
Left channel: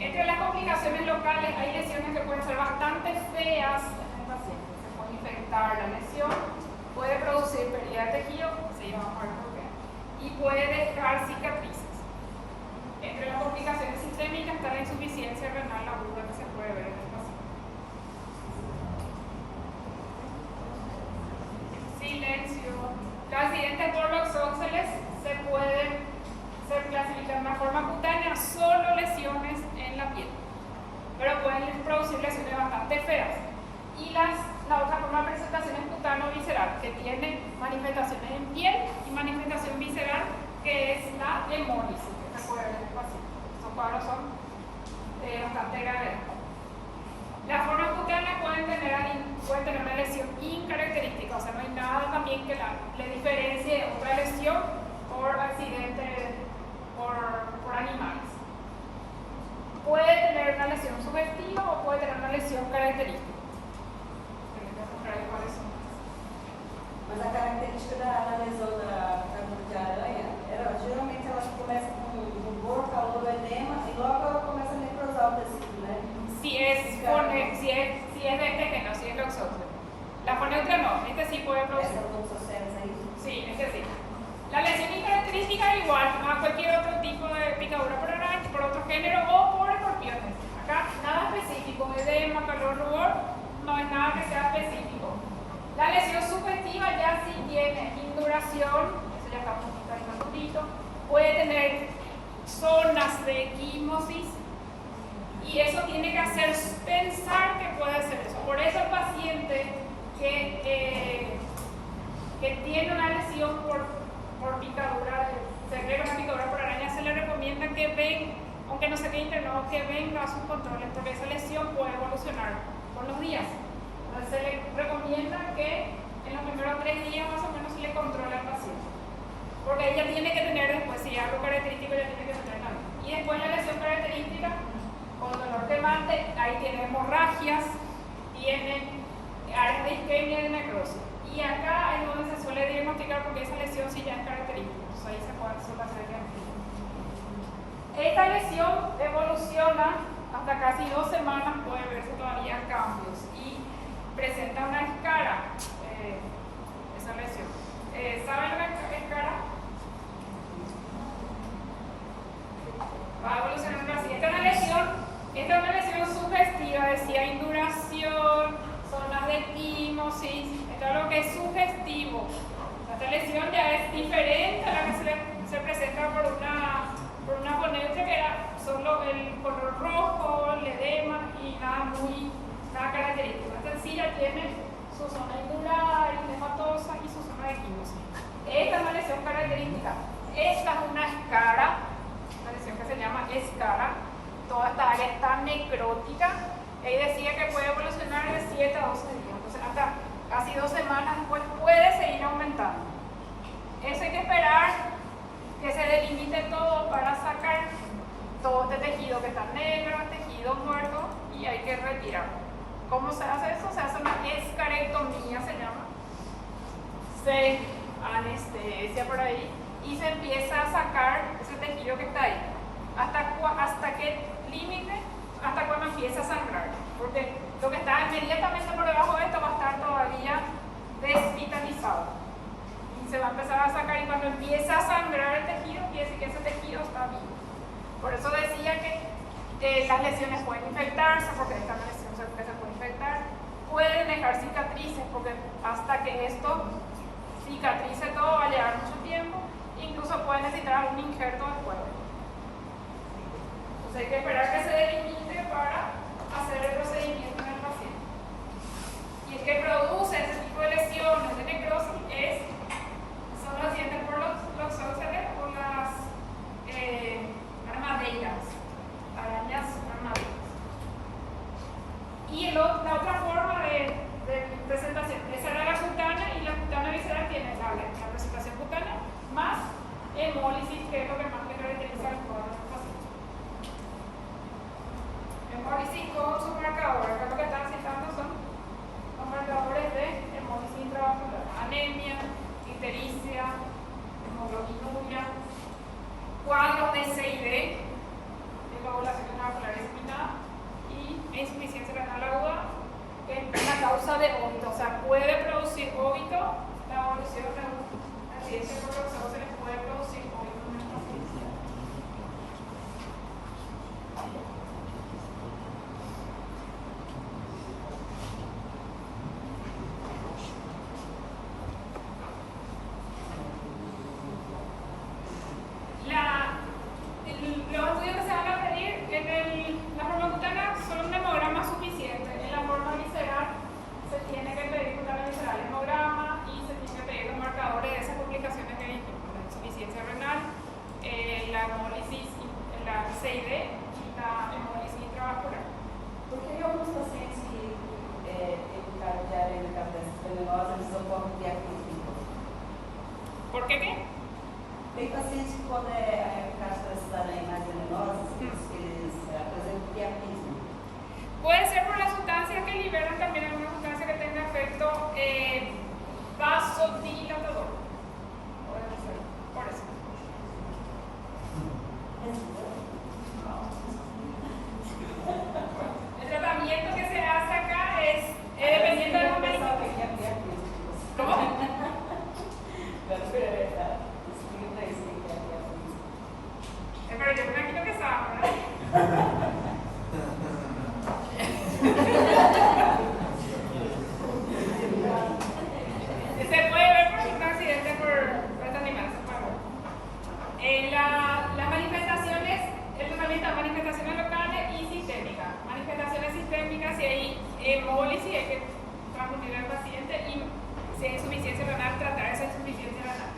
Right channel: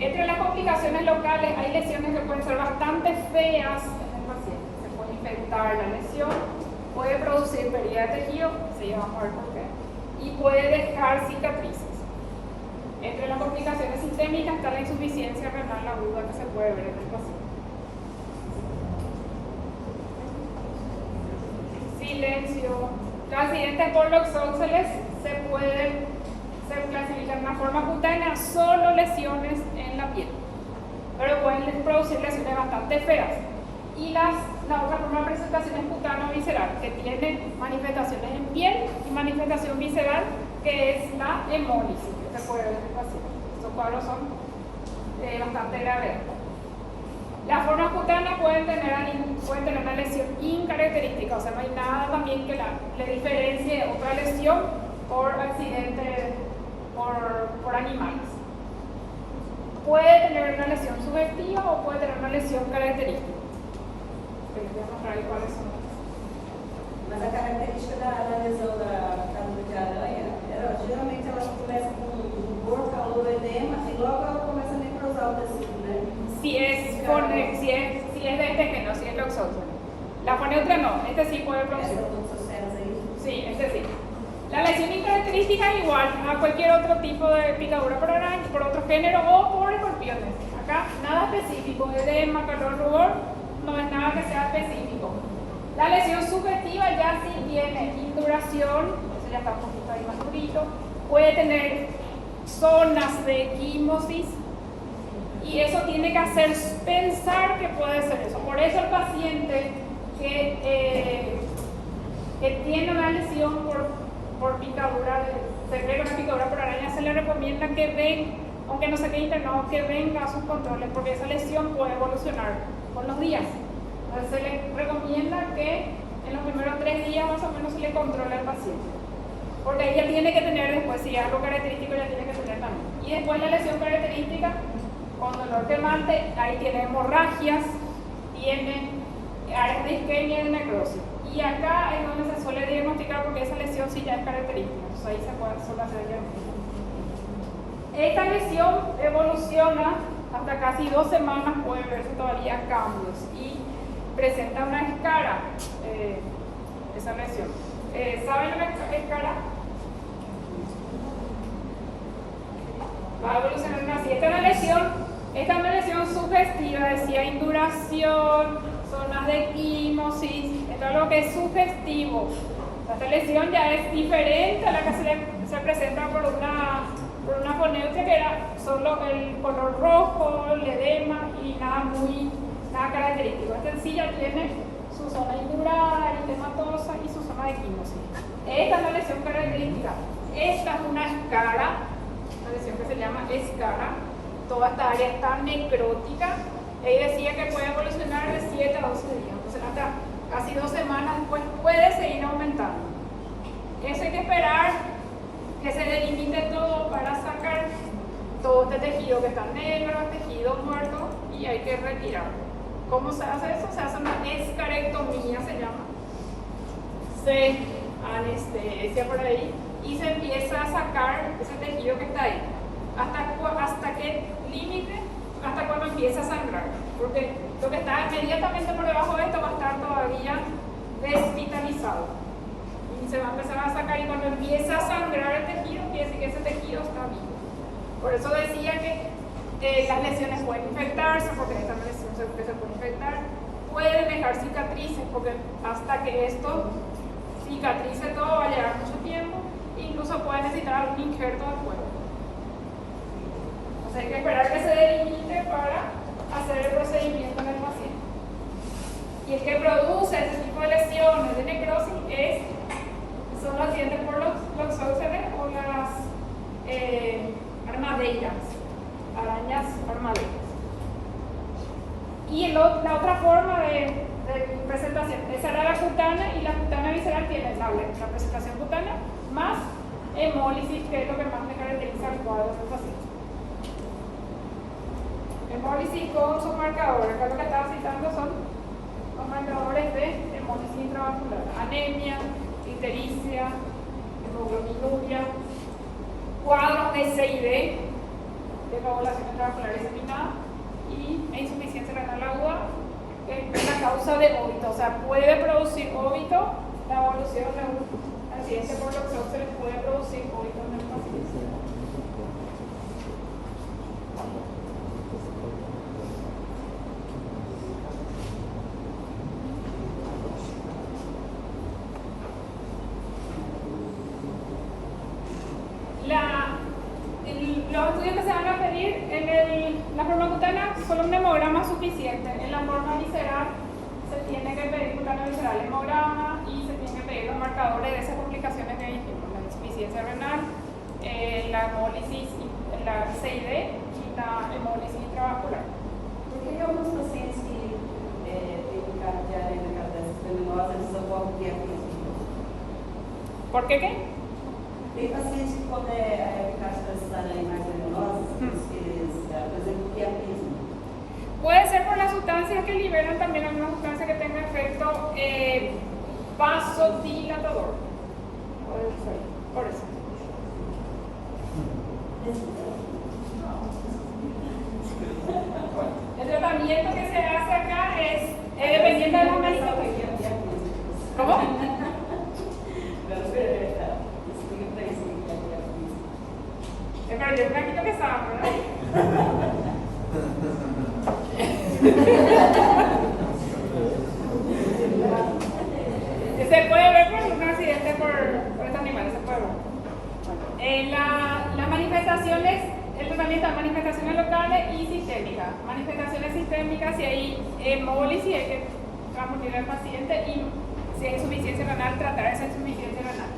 Entre las complicaciones locales hay lesiones que pueden ser bastante feas en el paciente. Se puede infectar la lesión, puede producir pérdida de tejido, sí, vamos a ver por qué, y puede dejar cicatrices. Entre las complicaciones sistémicas está la insuficiencia renal aguda que se puede ver en el paciente. Silencio. Los accidentes por Oxoceles se pueden clasificar de una forma cutánea, solo lesiones en la piel, pero pueden producir lesiones bastante feas. Y la otra forma de presentación es cutáneo-visceral, que tiene manifestaciones en piel y manifestación visceral, que es la hemólisis, que se puede ver en el paciente. Estos cuadros son bastante graves. Las formas cutáneas pueden tener una lesión incaracterística, o sea, no hay nada también que le diferencie otra lesión por accidente por animales. Puede tener una lesión subjetiva o puede tener una lesión característica. Les voy a mostrar cuáles son. Mas a característica da lesão da picadura de aranha, geralmente elas começam com dor, calor, edema e logo ela começa a necrosar o tecido, né? Si es de este género, si es Oxoceles. La foneutria no, este sí puede producir. Sí, este sí. La lesión incaracterística igual a cualquier otro tipo de picadura por araña, por otro género o por escorpiones. Acá nada específico, edema, calor, rubor, no es nada que sea específico. La lesión subjetiva ya sí tiene induración, eso ya está un poquito ahí más durito, puede tener zonas de equimosis y eso tiene que hacer pensar que puede ser eso. Por eso el paciente que tiene una lesión por picadura, se cree que una picadura por araña, se le recomienda que venga, aunque no se quede internado, que venga a sus controles, porque esa lesión puede evolucionar con los días. Entonces se le recomienda que en los primeros 3 días más o menos se le controle al paciente, porque ella tiene que tener después, si es algo característico, ella tiene que tener también. Y después la lesión característica, con dolor quemante, ahí tiene hemorragias, tiene áreas de isquemia y de necrosis. Y acá es donde se suele diagnosticar, porque esa lesión sí ya es característica, entonces ahí suele hacer el diagnóstico. Esta lesión evoluciona hasta casi 2 semanas, puede verse todavía cambios y presenta una escara, esa lesión. ¿Saben la escara? Va a evolucionar así. Esta es una lesión sugestiva, decía induración, zonas de equimosis, esto es lo que es sugestivo. Esta lesión ya es diferente a la que se presenta por una foneutria, que era solo el color rojo, el edema y nada característico. Esta sí ya tiene su zona indural, edematosa y su zona de equimosis. Esta es una lesión característica. Esta es una escara, una lesión que se llama escara. Toda esta área está necrótica. Él decía que puede evolucionar de 7 a 12 días. Entonces, hasta casi 2 semanas después puede seguir aumentando. Eso hay que esperar que se delimite todo para sacar todo este tejido que está negro, tejido muerto, y hay que retirarlo. ¿Cómo se hace eso? Se hace una escarectomía, se llama. Se anestesia por ahí y se empieza a sacar ese tejido que está ahí. ¿Hasta qué límite? Hasta cuando empieza a sangrar. Porque lo que está inmediatamente por debajo de esto va a estar todavía desvitalizado. Y se va a empezar a sacar, y cuando empieza a sangrar el tejido, quiere decir que ese tejido está vivo. Por eso decía que las lesiones pueden infectarse, porque esta lesión se puede infectar. Pueden dejar cicatrices, porque hasta que esto cicatrice todo va a llevar mucho tiempo. Incluso puede necesitar un injerto después. Entonces hay que esperar que se delimite para hacer el procedimiento en el paciente. Y el que produce ese tipo de lesiones de necrosis son los dientes por los loxóceles o las armadillas, arañas armadillas. Y la otra forma de presentación, esa era la cutánea, y la cutánea visceral tiene la presentación cutánea más hemólisis, que es lo que más le caracteriza al cuadro del paciente. Hemólisis con sus marcadores, acá lo que estaba citando son los marcadores de hemólisis intravascular: anemia, ictericia, hemoglobinuria, cuadros de CID, de coagulación intravascular diseminada, y insuficiencia renal aguda, que es la causa de óbito. O sea, puede producir óbito, la evolución de un accidente por loxóceles puede producir óbito en el paciente. Los estudios que se van a pedir en la forma cutánea son un hemograma suficiente. En la forma visceral se tiene que pedir cutánea visceral, hemograma, y se tienen que pedir los marcadores de esas complicaciones que dijimos: la insuficiencia renal, la hemólisis, la CID y la hemólisis intravascular. Por que alguns pacientes que têm cavidade venenosa eles socorrem diafismo? ¿Por qué qué? Tem pacientes que, quando é caso das animais venenosas, eles apresentam diafismo. Puede ser por las sustancias que liberan, también alguna sustancia que tenga efecto vasodilatador. Puede ser, por eso. El tratamiento que se hace acá es dependiendo de la manifestación. ¿Cómo? Pero yo creo que sabe, ¿no? Se puede ver por un accidente por este animal, se puede ver. Las manifestaciones, el tratamiento de manifestaciones locales y sistémicas. Manifestaciones sistémicas: si hay hemólisis, hay que transfundir al paciente, y si hay insuficiencia renal, tratar esa insuficiencia renal.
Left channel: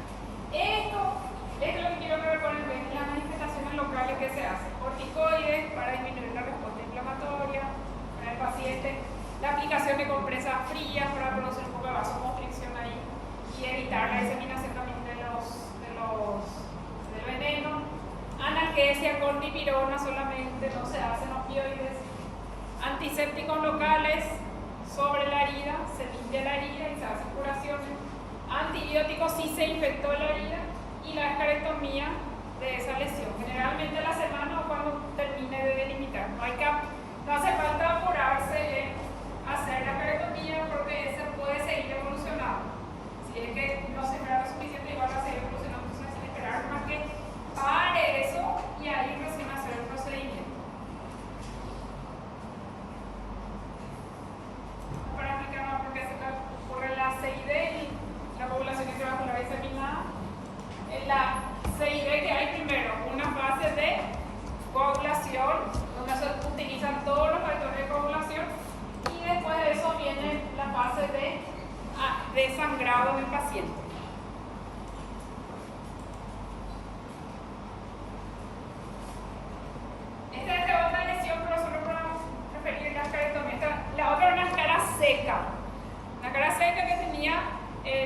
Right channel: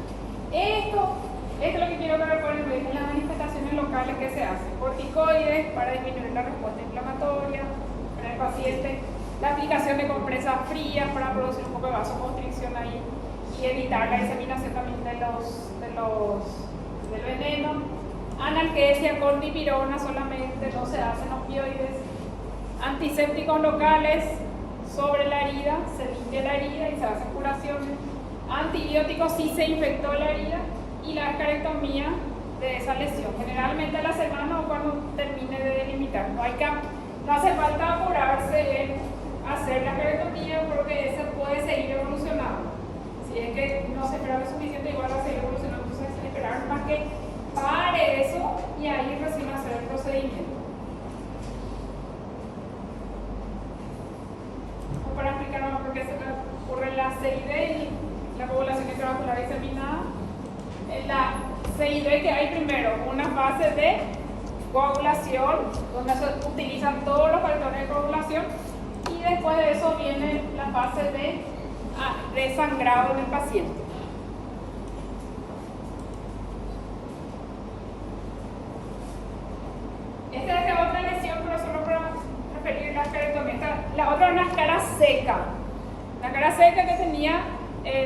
Esto es lo que quiero ver con el en las manifestaciones locales que se hacen. Corticoides para disminuir la respuesta inflamatoria en el paciente, la aplicación de compresas frías para producir un poco de vasoconstricción ahí y evitar la diseminación también del veneno. Analgesia con dipirona solamente, no se hacen opioides. Antisépticos locales sobre la herida, se limpia la herida y se hacen curaciones. Antibióticos si se infectó la herida, y la escarectomía de esa lesión, generalmente a la semana o cuando termine de delimitar. No hace falta apurarse en hacer la escarectomía, porque esa puede seguir evolucionando. Si es que no se espera lo suficiente, igual va a seguir evolucionando. Entonces hay que esperar más que pare eso y ahí recién hacer el procedimiento. Para explicar más por qué se ocurre la CID y la coagulación intravascular diseminada. La CID, que hay primero una fase de coagulación, donde se utilizan todos los factores de coagulación, y después de eso viene la fase de sangrado en el paciente. Esta es otra lesión, pero solo para referir a la escarectomía. una escara seca. Una escara seca que tenía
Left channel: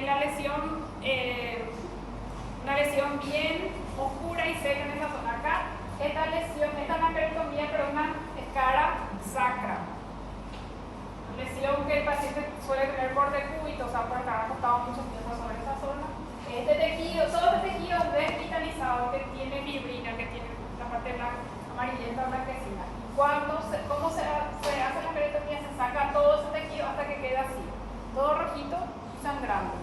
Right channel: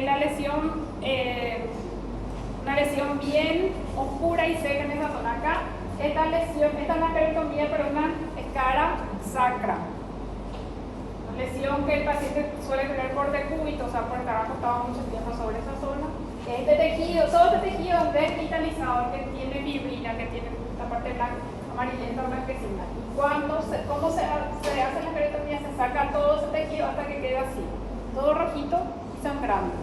la lesión, una lesión bien oscura y seca en esa zona. Acá, esta es una queretomía, pero una escara sacra. Una lesión que el paciente suele tener por decúbito, o sea, por estar acostado mucho tiempo sobre esa zona. Este tejido, todo este tejido desvitalizado, que tiene fibrina, que tiene la parte blanca, amarillenta o blanquecina. Y ¿cómo se hace la queretomía? Se saca todo ese tejido hasta que queda así, todo rojito y sangrando.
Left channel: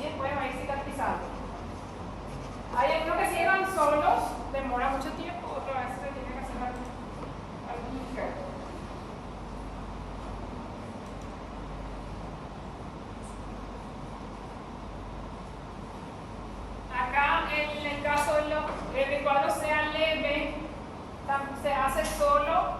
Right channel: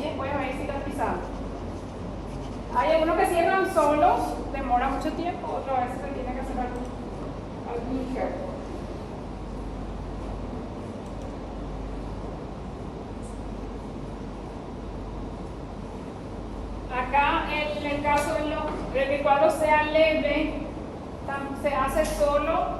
Y después va a ir cicatrizando. Hay algunos que cierran solos, demora mucho tiempo, otra vez se tiene que hacer algún injerto. Acá, en el caso de que el cuadro sea leve, se hace solo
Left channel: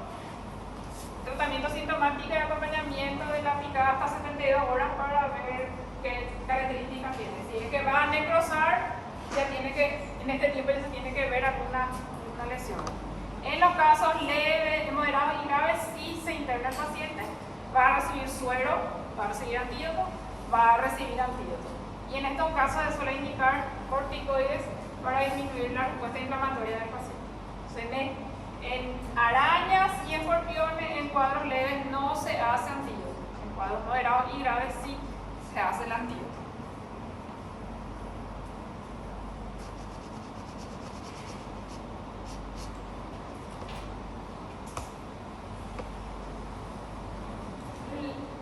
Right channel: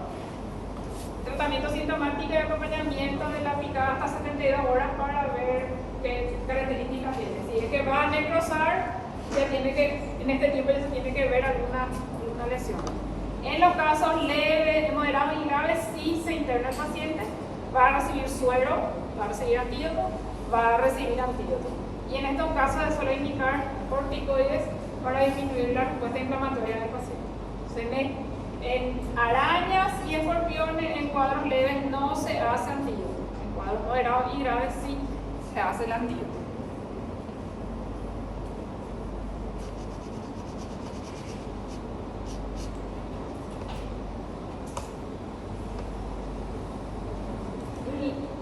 tratamiento sintomático y acompañamiento de la picada hasta 72 horas para ver qué características tiene. Si es que va a necrosar, en este tiempo ya se tiene que ver alguna lesión. En los casos leves, moderados y graves, sí se interna el paciente, va a recibir suero, va a recibir antídoto, va a recibir antídoto. Y en estos casos se suele indicar corticoides para disminuir la respuesta inflamatoria del paciente. Entonces, en arañas y escorpiones, en cuadros leves no se hace antídoto. En cuadros moderados y graves sí se hace el antídoto.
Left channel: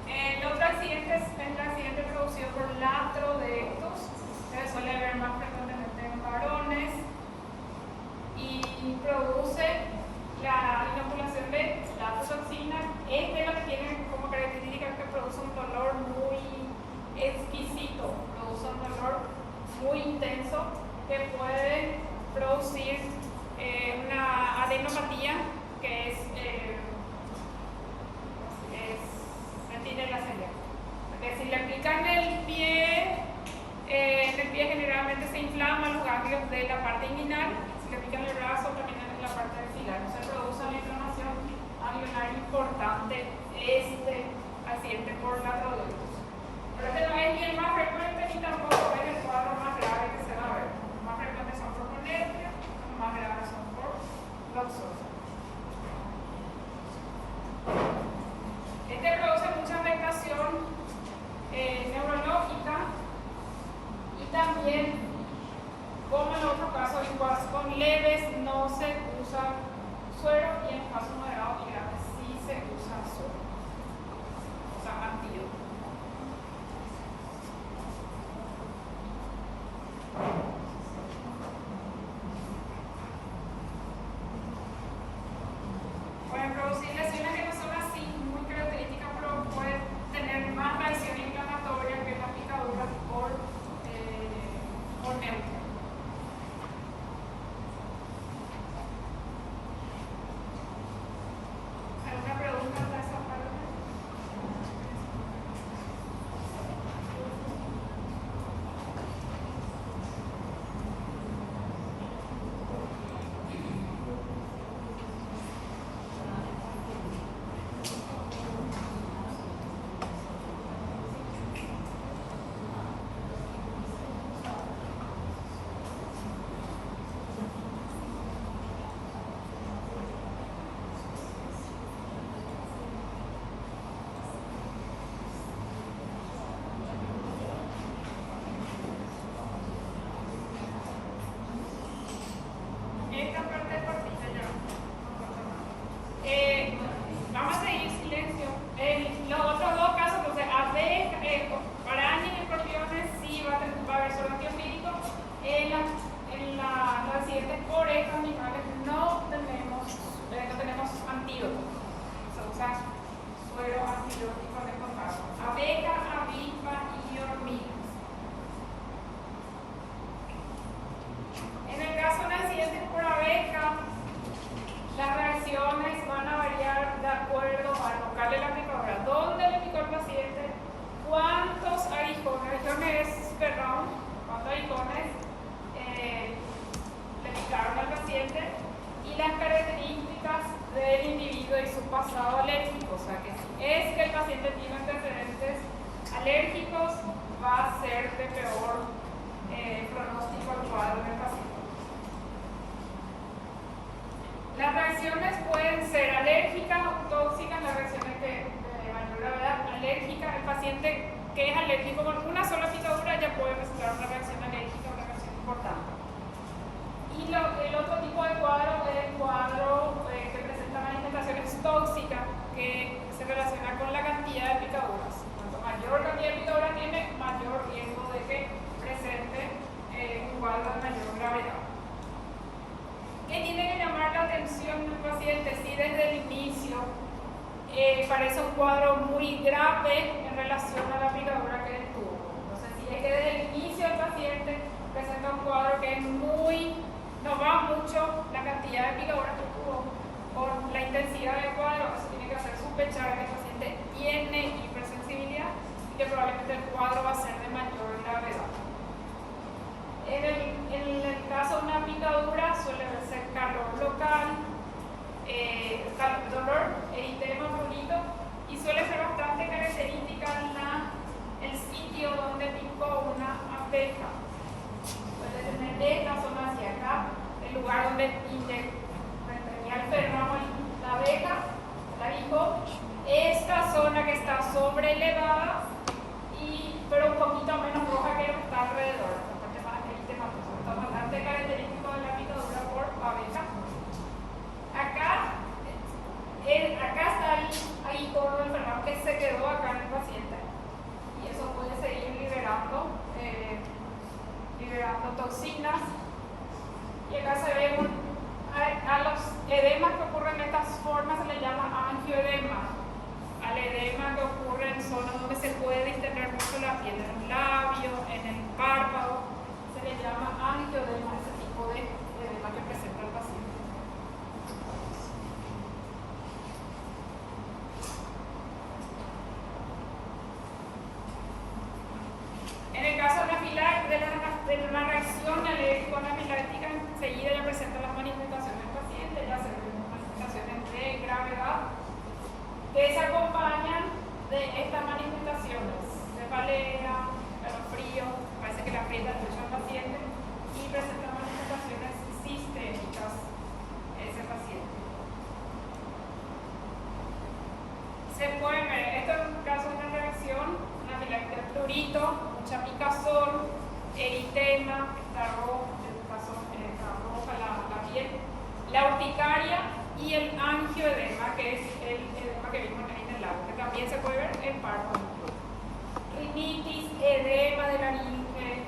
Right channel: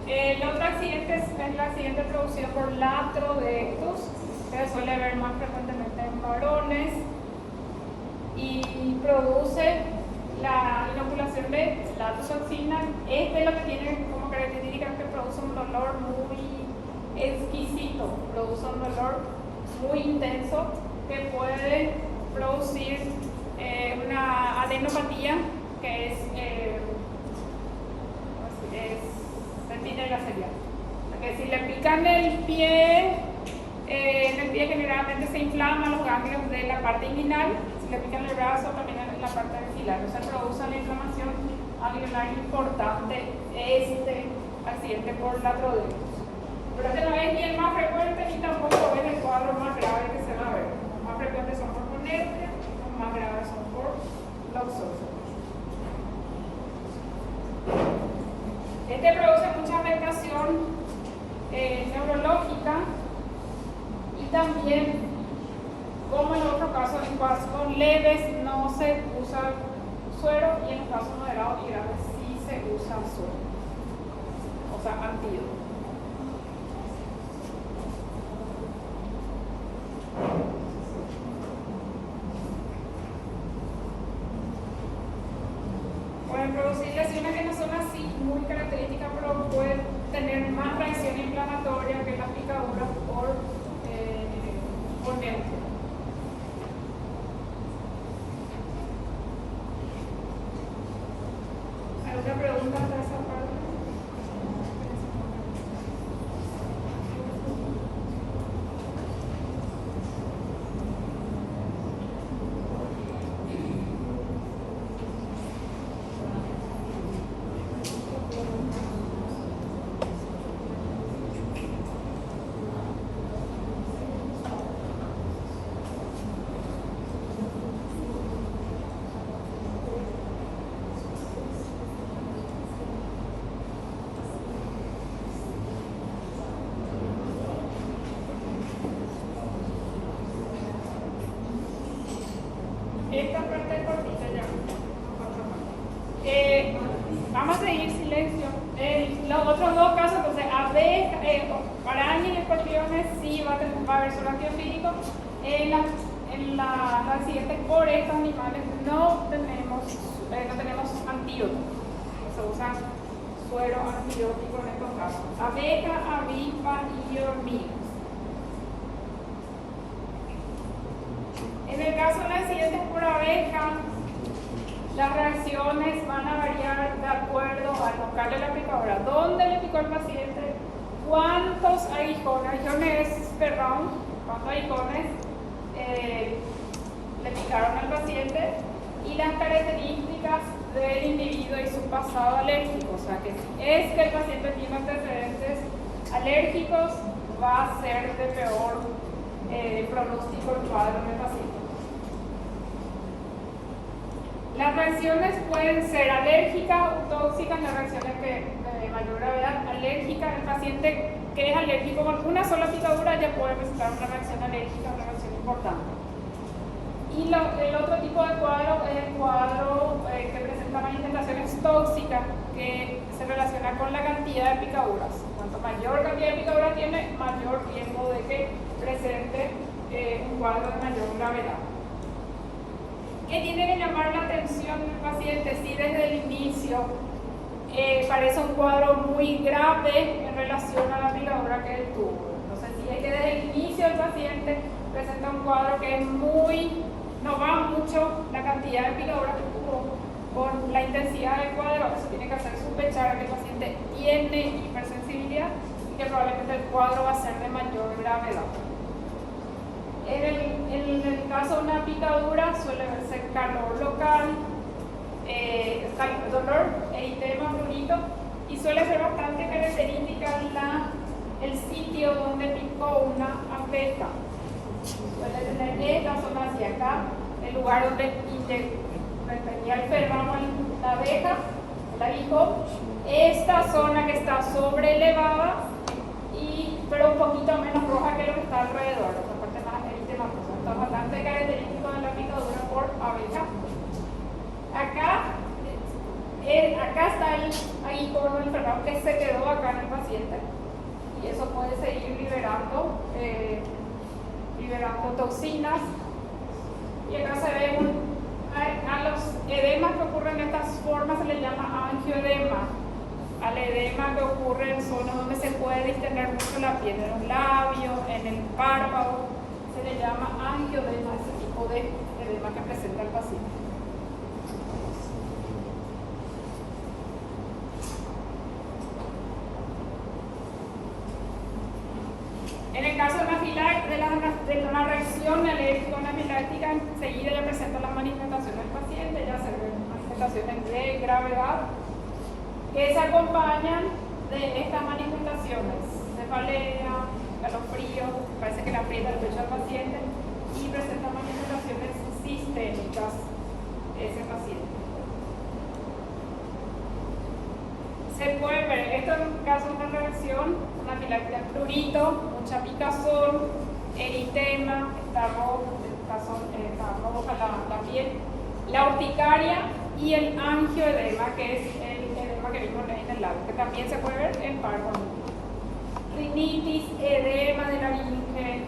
El otro accidente es el accidente producido por latrodectus, que se suele ver más frecuentemente en varones y produce la inoculación de latotoxina. Este lo que tiene como característica es que produce un dolor muy exquisito, produce un dolor muy intenso que puede producir una adenopatía, que es sentinela sería. Porque si le pican el pie, en el pie generalmente se inflaman los ganglios de la parte inguinal. Si le pican el brazo, también en la parte axilar. O sea, produce una inflamación ganglionar importante este accidente por latrodectus. Pero este no es ni el más frecuente ni tampoco es el cuadro más grave que se va a ver. Los más frecuentes son por conergia, los más graves son por loxosis. Este produce mucha afectación neurológica y también, como en otros casos, en casos leves no se usa suero y en casos moderados y graves sí se usa suero, o sea, antídoto. Pueden producir lesiones que no son así muy características, pero pueden tener más reacción inflamatoria que las picaduras por neutra. ¿Alguna pregunta de esa parte? Esta parte es cortita ya. Vamos a seguir silencio. Los otros dos casos, entonces, arañas y escorpiones, sí va a haber suero antiofídico. En los accidentes por estos animales no tenemos antídoto. Se usa suero antibiótico en estos casos. Abeja, avispa y hormigas. En el caso de accidentes por abeja, las reacciones van a variar de acuerdo a tocarle la picadura, dónde le picó el paciente, cuántos aguijones per round, cuántos aguijones le picaron al paciente y las características del individuo y su pasado alérgico. O sea que si es que el paciente tiene antecedentes alérgicos, va a ser de peor pronóstico el cuadro del paciente. Las reacciones pueden ser alérgicas o tóxicas, las reacciones de mayor gravedad. Alérgica, el paciente que es alérgico con una sola picadura ya puede presentar una reacción alérgica, una reacción importante. Y el otro tipo de cuadro es el cuadro que presenta manifestaciones tóxicas, que se relaciona con la cantidad de picaduras. Cuanto mayor cantidad de picaduras tiene, mayor riesgo de que presente un cuadro de mayor gravedad. ¿Qué tiene que llamar la atención del paciente? Si desde el inicio parece un cuadro muy grave en relación a la picadura que él tuvo. Entonces, si es que desde el inicio el paciente presenta un cuadro que es no va mucho la cantidad de picaduras que tuvo con la intensidad del cuadro, eso tiene que hacer sospechar que el paciente tiene hipersensibilidad y que probablemente el cuadro va a ser de mayor gravedad. En el caso de una picadura suele ser calor local, dolor, eritema, prurito, y suele ser bastante característica el sitio donde picó una abeja. Suele tener esta zona hacia acá, el lugar donde tenía el ferramo la abeja, el aguijón, esta zona que está sobrelevada, pero un poquito menos roja que lo que está alrededor, la parte más eritematosa. Está bastante característico de la picadura por abeja. Acá está el aguijón, el ferramo que se quedó acá en el paciente, y eso puede seguir liberando toxinas. Y acá se ve a los edemas que ocurren de estas formas se les llama angioedema. Al edema que ocurre en zonas donde se puede distender mucho la piel, en los labios, en el párpado, se le llama angioedema, ese tipo de edema que presenta el paciente. En el caso de una reacción alérgica anafiláctica, enseguida ya presenta las manifestaciones del paciente, ya se ven manifestaciones de gravedad que se acompañan de estas manifestaciones: cefalea, calofrío, parece que le aprieta el pecho al paciente, y presenta manifestaciones sistémicas ese paciente. Se puede ver, esto es un caso de una reacción anafiláctica: prurito, mucha picazón, eritema, está rojo, está roja la piel, la urticaria y el angioedema, que es el edema que vimos en el labio, que también se puede ver en párpado. Rinitis, edema de laringe,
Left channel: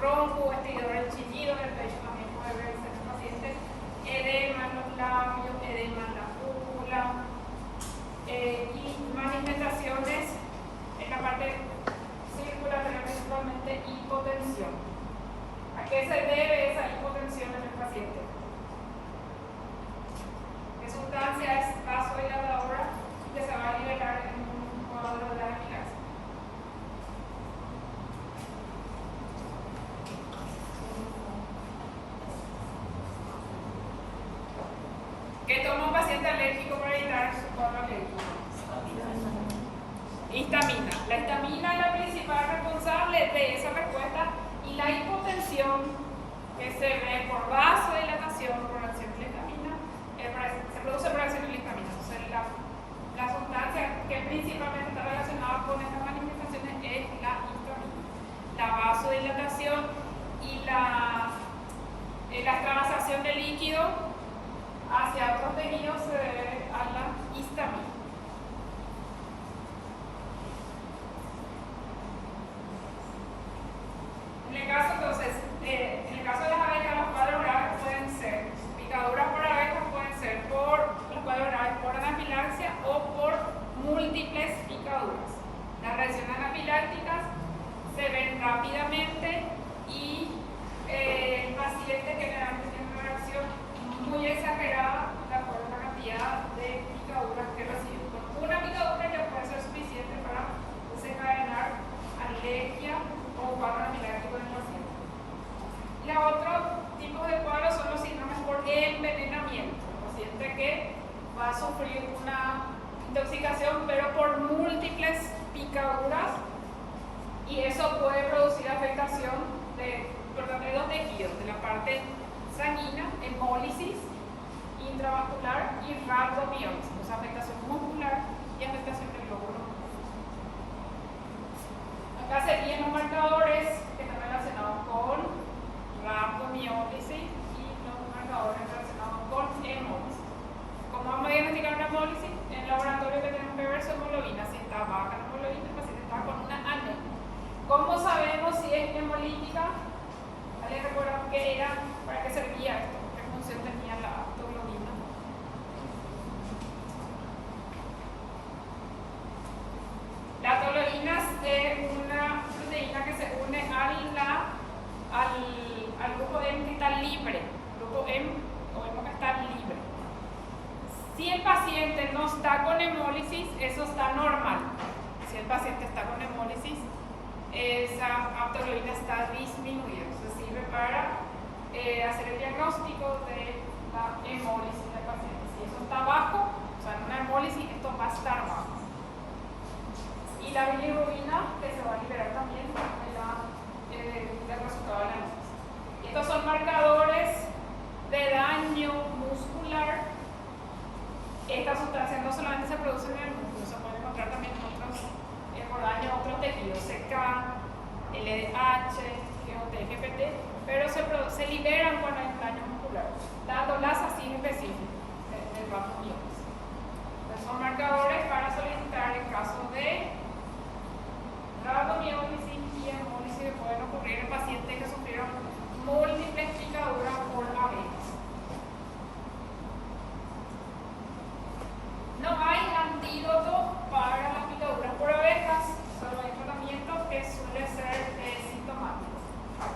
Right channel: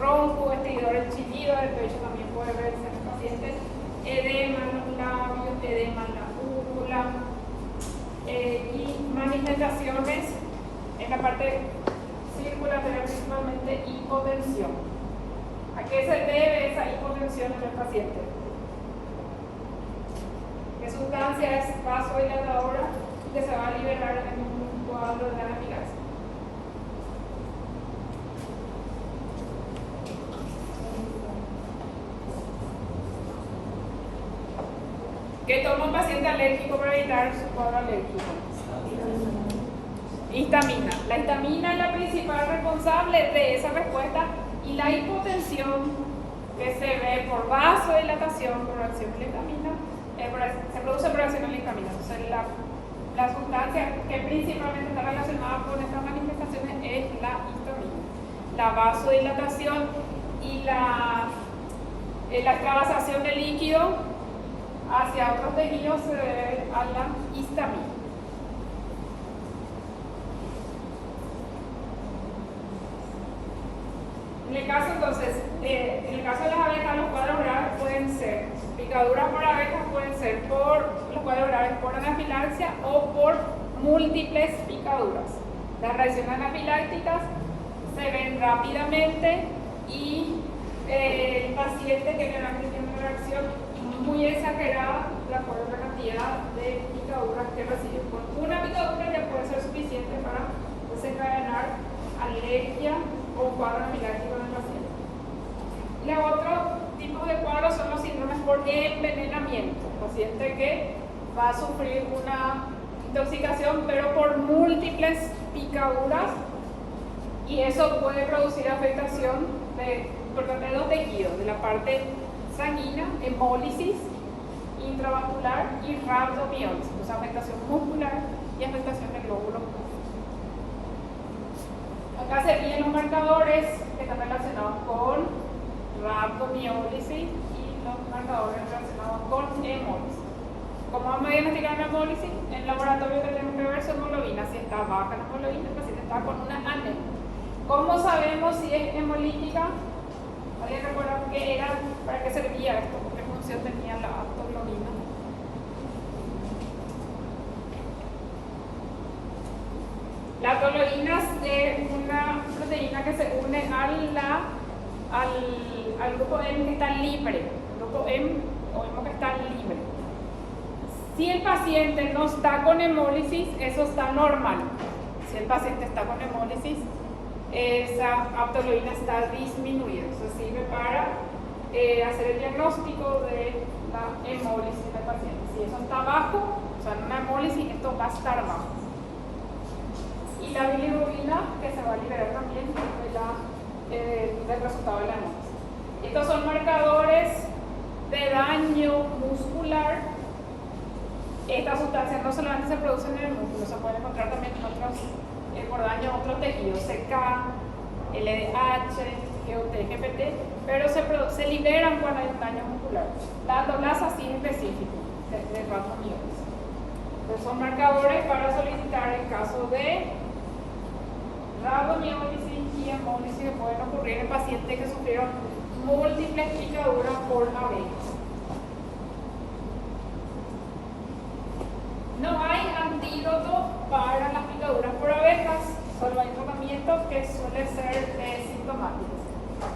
ronco, estridor, el chillido del pecho también puede verse en el paciente, edema en los labios, edema en la úvula, y manifestaciones en la parte circulatorial, principalmente hipotensión. ¿A qué se debe esa hipotensión en el paciente? ¿Qué sustancia es vasodilatadora que se va a liberar en un cuadro de amilasia? ¿Qué toma un paciente alérgico para evitar su cuadro alérgico? Histamina. La histamina es la principal responsable de esa respuesta, y la hipotensión que se ve por vasodilatación, por acción de la histamina, se produce por acción de la histamina. Entonces, la sustancia que principalmente está relacionada con estas manifestaciones es la histamina. La vasodilatación y la extravasación de líquido hacia otros tejidos se debe a la histamina. En el caso de las abejas, los cuadros graves pueden ser picaduras por abejas, pueden ser por los cuadros graves por anafilaxia o por múltiples picaduras. Las reacciones anafilácticas se ven rápidamente, y el paciente generalmente tiene una reacción muy exagerada de acuerdo a la cantidad de picaduras que recibe. Con una picadura ya puede ser suficiente para desencadenar alergia o cuadro anafiláctico en el paciente. El otro tipo de cuadros son los síndromes por envenenamiento. El paciente que intoxicación, pero por múltiples picaduras, y eso puede producir afectación de dos tejidos, de la parte sanguínea, hemólisis intravascular y rhabdomiólisis, o sea, afectación muscular y afectación del glóbulo. Acá serían los marcadores que están relacionados con rhabdomiólisis y los marcadores relacionados con hemólisis. ¿Cómo vamos a diagnosticar una hemólisis? En el laboratorio tenemos que ver su hemoglobina. Si está baja la hemoglobina, el paciente está con una anemia. ¿Cómo sabemos si es hemolítica? ¿Alguien recuerda qué era? ¿Para qué servía esto? ¿Qué función tenía la aptoglobina? La aptoglobina es una proteína que se une al grupo M que está libre. El grupo M o M que está libre. Si el paciente no está con hemólisis, eso está normal. Si el paciente está con hemólisis, esa aptoglobina está disminuida. Eso sirve para hacer el diagnóstico de la hemólisis del paciente. Si eso está bajo, o sea, en una hemólisis, esto va a estar bajo. Y la bilirrubina, que se va a liberar también del resultado de la hemólisis. Estos son marcadores de daño muscular. Estas sustancias no solamente se producen en el músculo, se pueden encontrar también por daño a otros tejidos, CK, LDH, GUT, GPT, pero se liberan cuando hay un daño muscular, dándolas así en específico de rhabdomiólisis. Entonces son marcadores para solicitar en caso de rhabdomiólisis y hemólisis que pueden ocurrir en pacientes que sufrieron múltiples picaduras por abejas. No hay antídoto para las picaduras por abejas, solo hay tratamientos que suelen ser sintomáticos.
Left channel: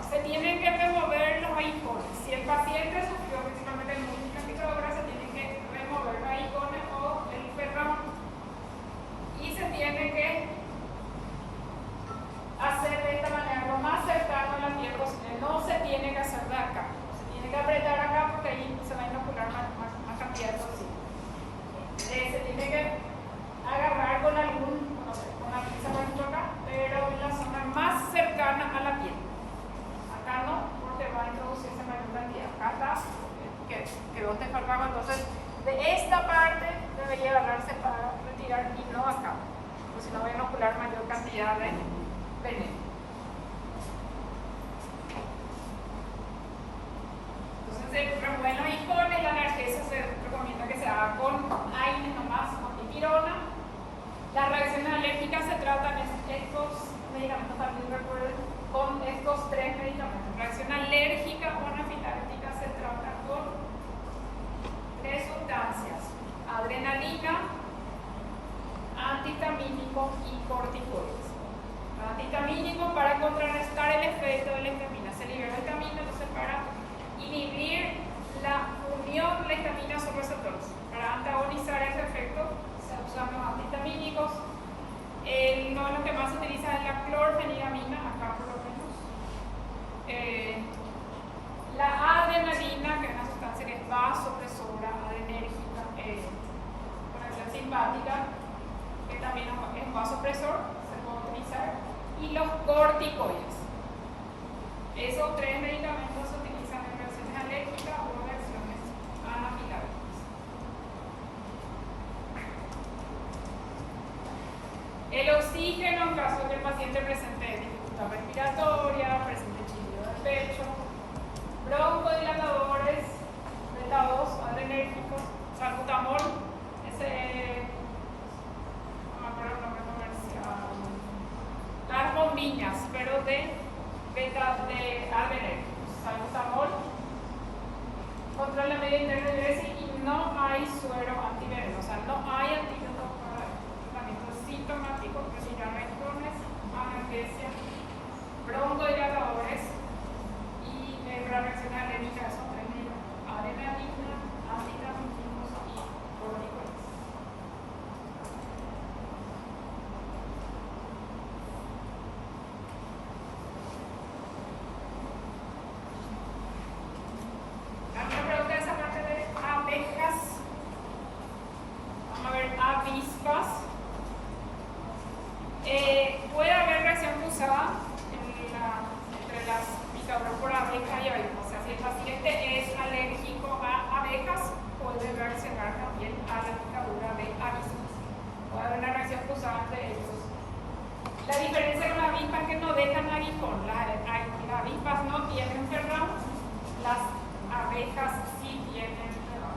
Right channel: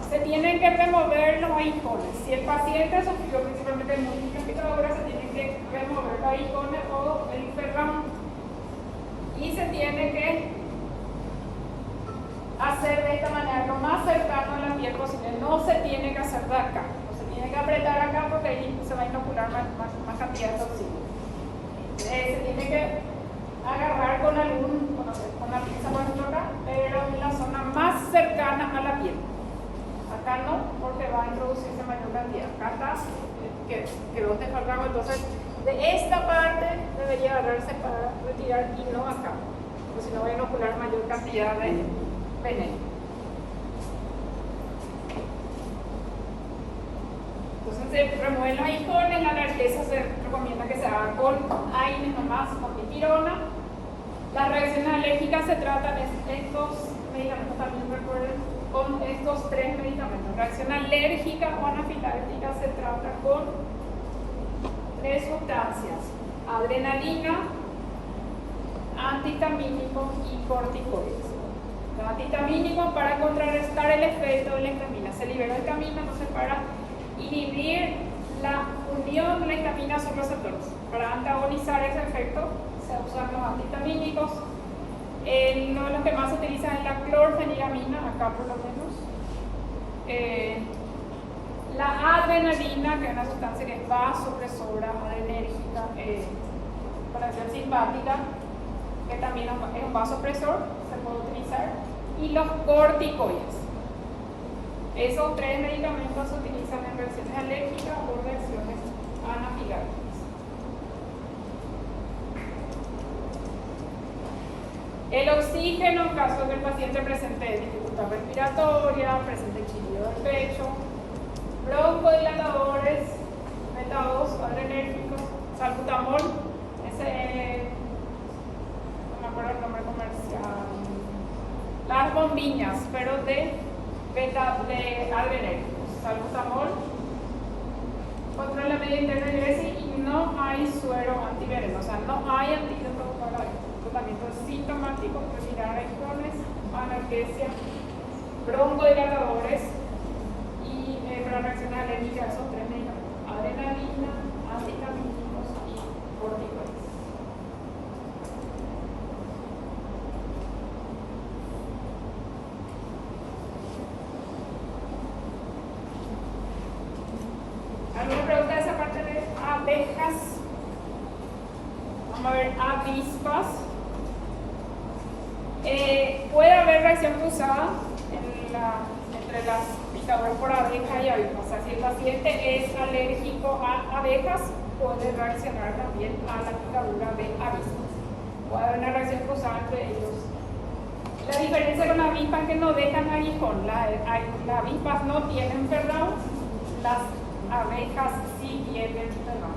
Se tienen que remover los aguijones. Si el paciente sufrió principalmente múltiples picaduras, se tiene que remover los aguijones o el ferramo. Y se tiene que hacer de esta manera, lo más cercano a la piel posible. No se tiene que hacer de acá, no se tiene que apretar acá porque ahí se va a inocular más cantidad de toxina. Se tiene que agarrar con la pinza, por ejemplo acá, pero en la zona más cercana a la piel. Acá no, porque va a introducirse mayor cantidad. Acá está, quedó este ferramo, entonces de esta parte debería agarrarse para retirar y no acá, porque si no va a inocular mayor cantidad de veneno. Entonces se remueven los aguijones, la analgesia se recomienda que se haga con AINES nomás, con dipirona. Las reacciones alérgicas se tratan estos medicamentos, también recuerden, con estos tres medicamentos. Reacción alérgica o anafiláctica se trata con tres sustancias: adrenalina, antihistamínico y corticoides. Los antihistamínicos para contrarrestar el efecto de la histamina. Se libera histamina, entonces para inhibir la unión de la histamina a sus receptores. Para antagonizar ese efecto se usan los antihistamínicos. Uno de los que más se utilizan es la clorfeniramina, acá por lo menos. La adrenalina, que es una sustancia que es vasopresora, adrenérgica, con acción simpática, que también es un vasopresor, se puede utilizar. Y los corticoides. Esos tres medicamentos se utilizan en reacciones alérgicas o reacciones anafilácticas. El oxígeno, en caso de que el paciente presente dificultad respiratoria, presente chillido del pecho, broncodilatadores, beta-2, adrenérgicos, salbutamol, no me acuerdo el nombre comercial, las bombiñas, pero de adrenérgicos, salbutamol, controla la media interna de diuresis y no hay suero antiveneno, o sea, no hay antídoto para tratamiento sintomático, retirar aguijones, analgesia, broncodilatadores y para reacciones alérgicas, esos tres medicamentos: adrenalina, antihistamínicos y corticoides. ¿Alguna pregunta de esa parte de abejas? Vamos a ver avispa. reacción cruzada entre las picaduras por abeja y avispa. O sea, si el paciente es alérgico a abejas, puede reaccionar también a la picadura de avispas. Puede haber una reacción cruzada entre ellos. La diferencia con la avispa es que no dejan aguijón. Las avispas no tienen perdón, las abejas sí tienen perdón.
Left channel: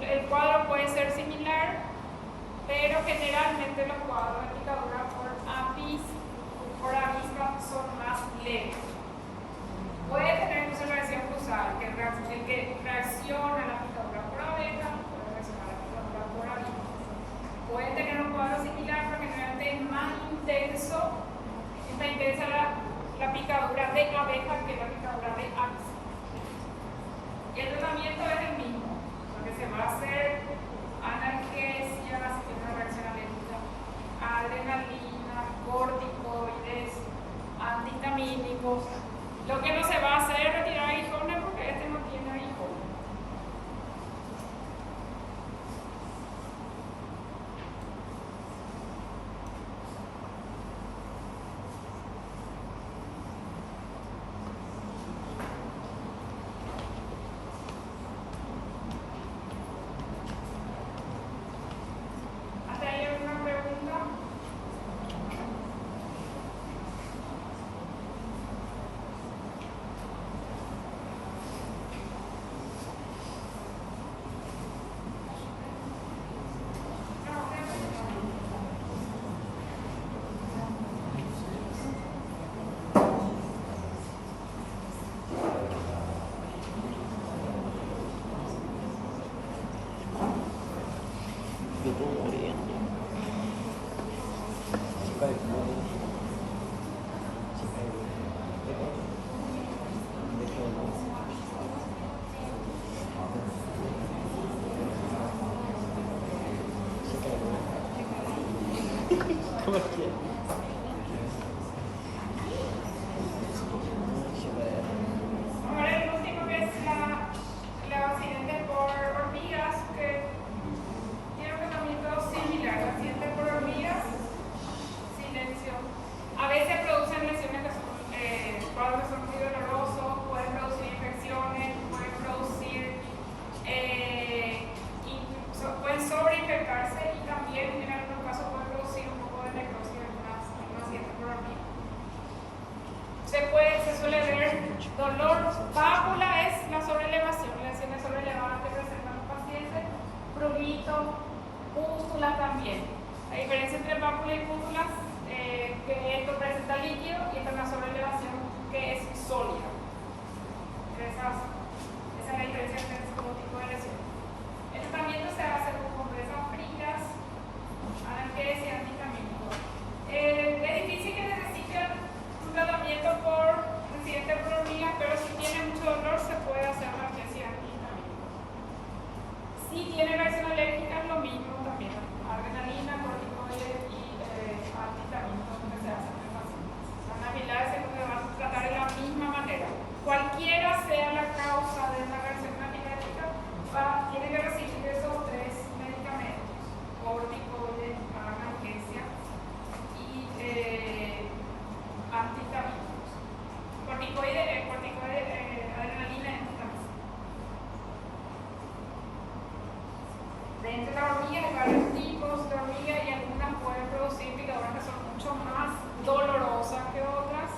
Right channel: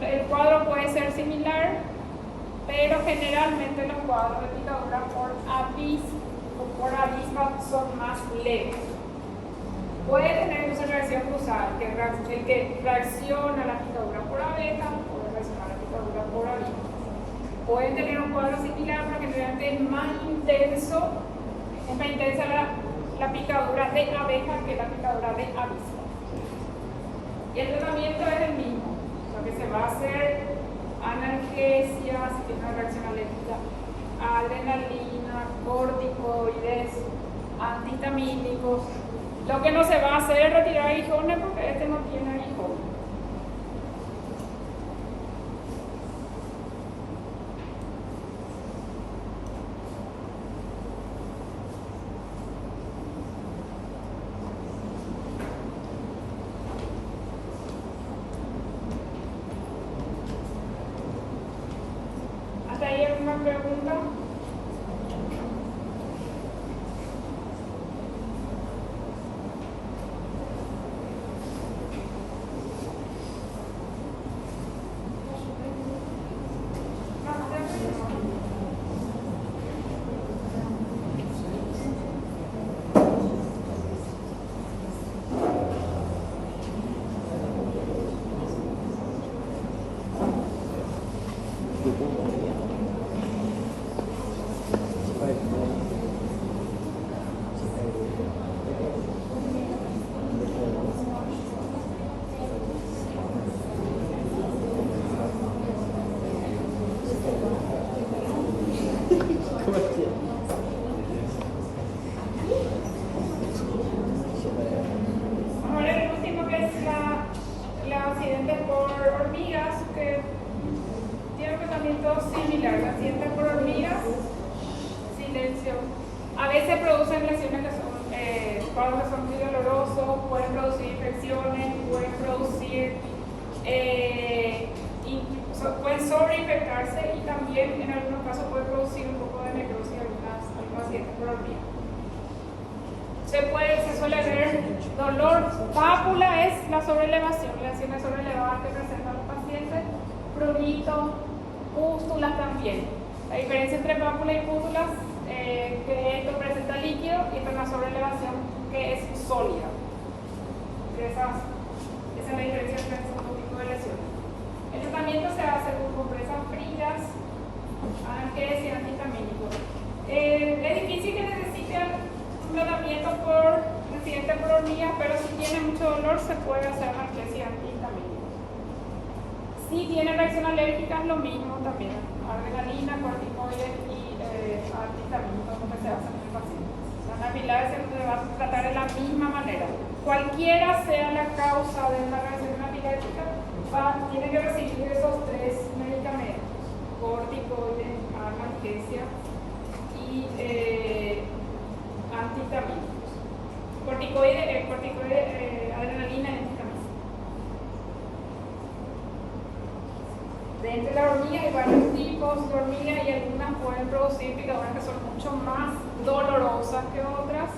El cuadro puede ser similar, pero generalmente los cuadros de picadura por avispa son más leves. Puede tener una reacción cruzada, que el que reacciona a la picadura por abeja puede reaccionar a la picadura por avispa. Pueden tener un cuadro similar, pero generalmente es más intensa la picadura de abeja que la picadura de avispa. Y el tratamiento es el mismo. Lo que se va a hacer, analgesia, si tiene una reacción alérgica, adrenalina, corticoides, antihistamínicos. Lo que no se va a hacer es retirar aguijones porque este no tiene aguijones. ¿Hasta ahí alguna pregunta? Vamos a ver el último, que es el accidente por hormigas, que tiene un tratamiento similar. El accidente por hormigas, silencio. A veces producen lesiones que son, cuadros que son muy dolorosos, pueden producir infecciones, pueden producir, pueden sobreinfectarse y también en algunos casos puede producir un poco de necrosis en algunos accidentes por hormigas. Se suele ver dolor. Pápula es la sobrelevación, lesiones sobrelevadas que presentan los pacientes, prurito, pústulas también. La diferencia entre pápula y pústulas que esto presenta líquido y esta es una sobrelevación que es sólida. Esa es la diferencia entre estos dos tipos de lesiones. El tratamiento se hace con compresas frías, analgesia y antihistamínicos. Es difícil que necesiten un tratamiento por accidente por hormigas, pero si tiene mucho dolor se puede hacer analgesia y antihistamínicos. Si tiene reacción alérgica es lo mismo también, adrenalina, corticoides y antihistamínicos, lo que se hace en el paciente. Las anafilaxis se van a tratar de la misma manera. Cualquiera sea la causa de una reacción anafiláctica, tiene que recibir esos tres medicamentos: corticoides, analgesia y antihistamínicos. Corticoides, adrenalina y antihistamínicos. Dentro de la hormiga hay varios tipos de hormigas y algunas pueden producir picaduras que son mucho más dolorosas que otras.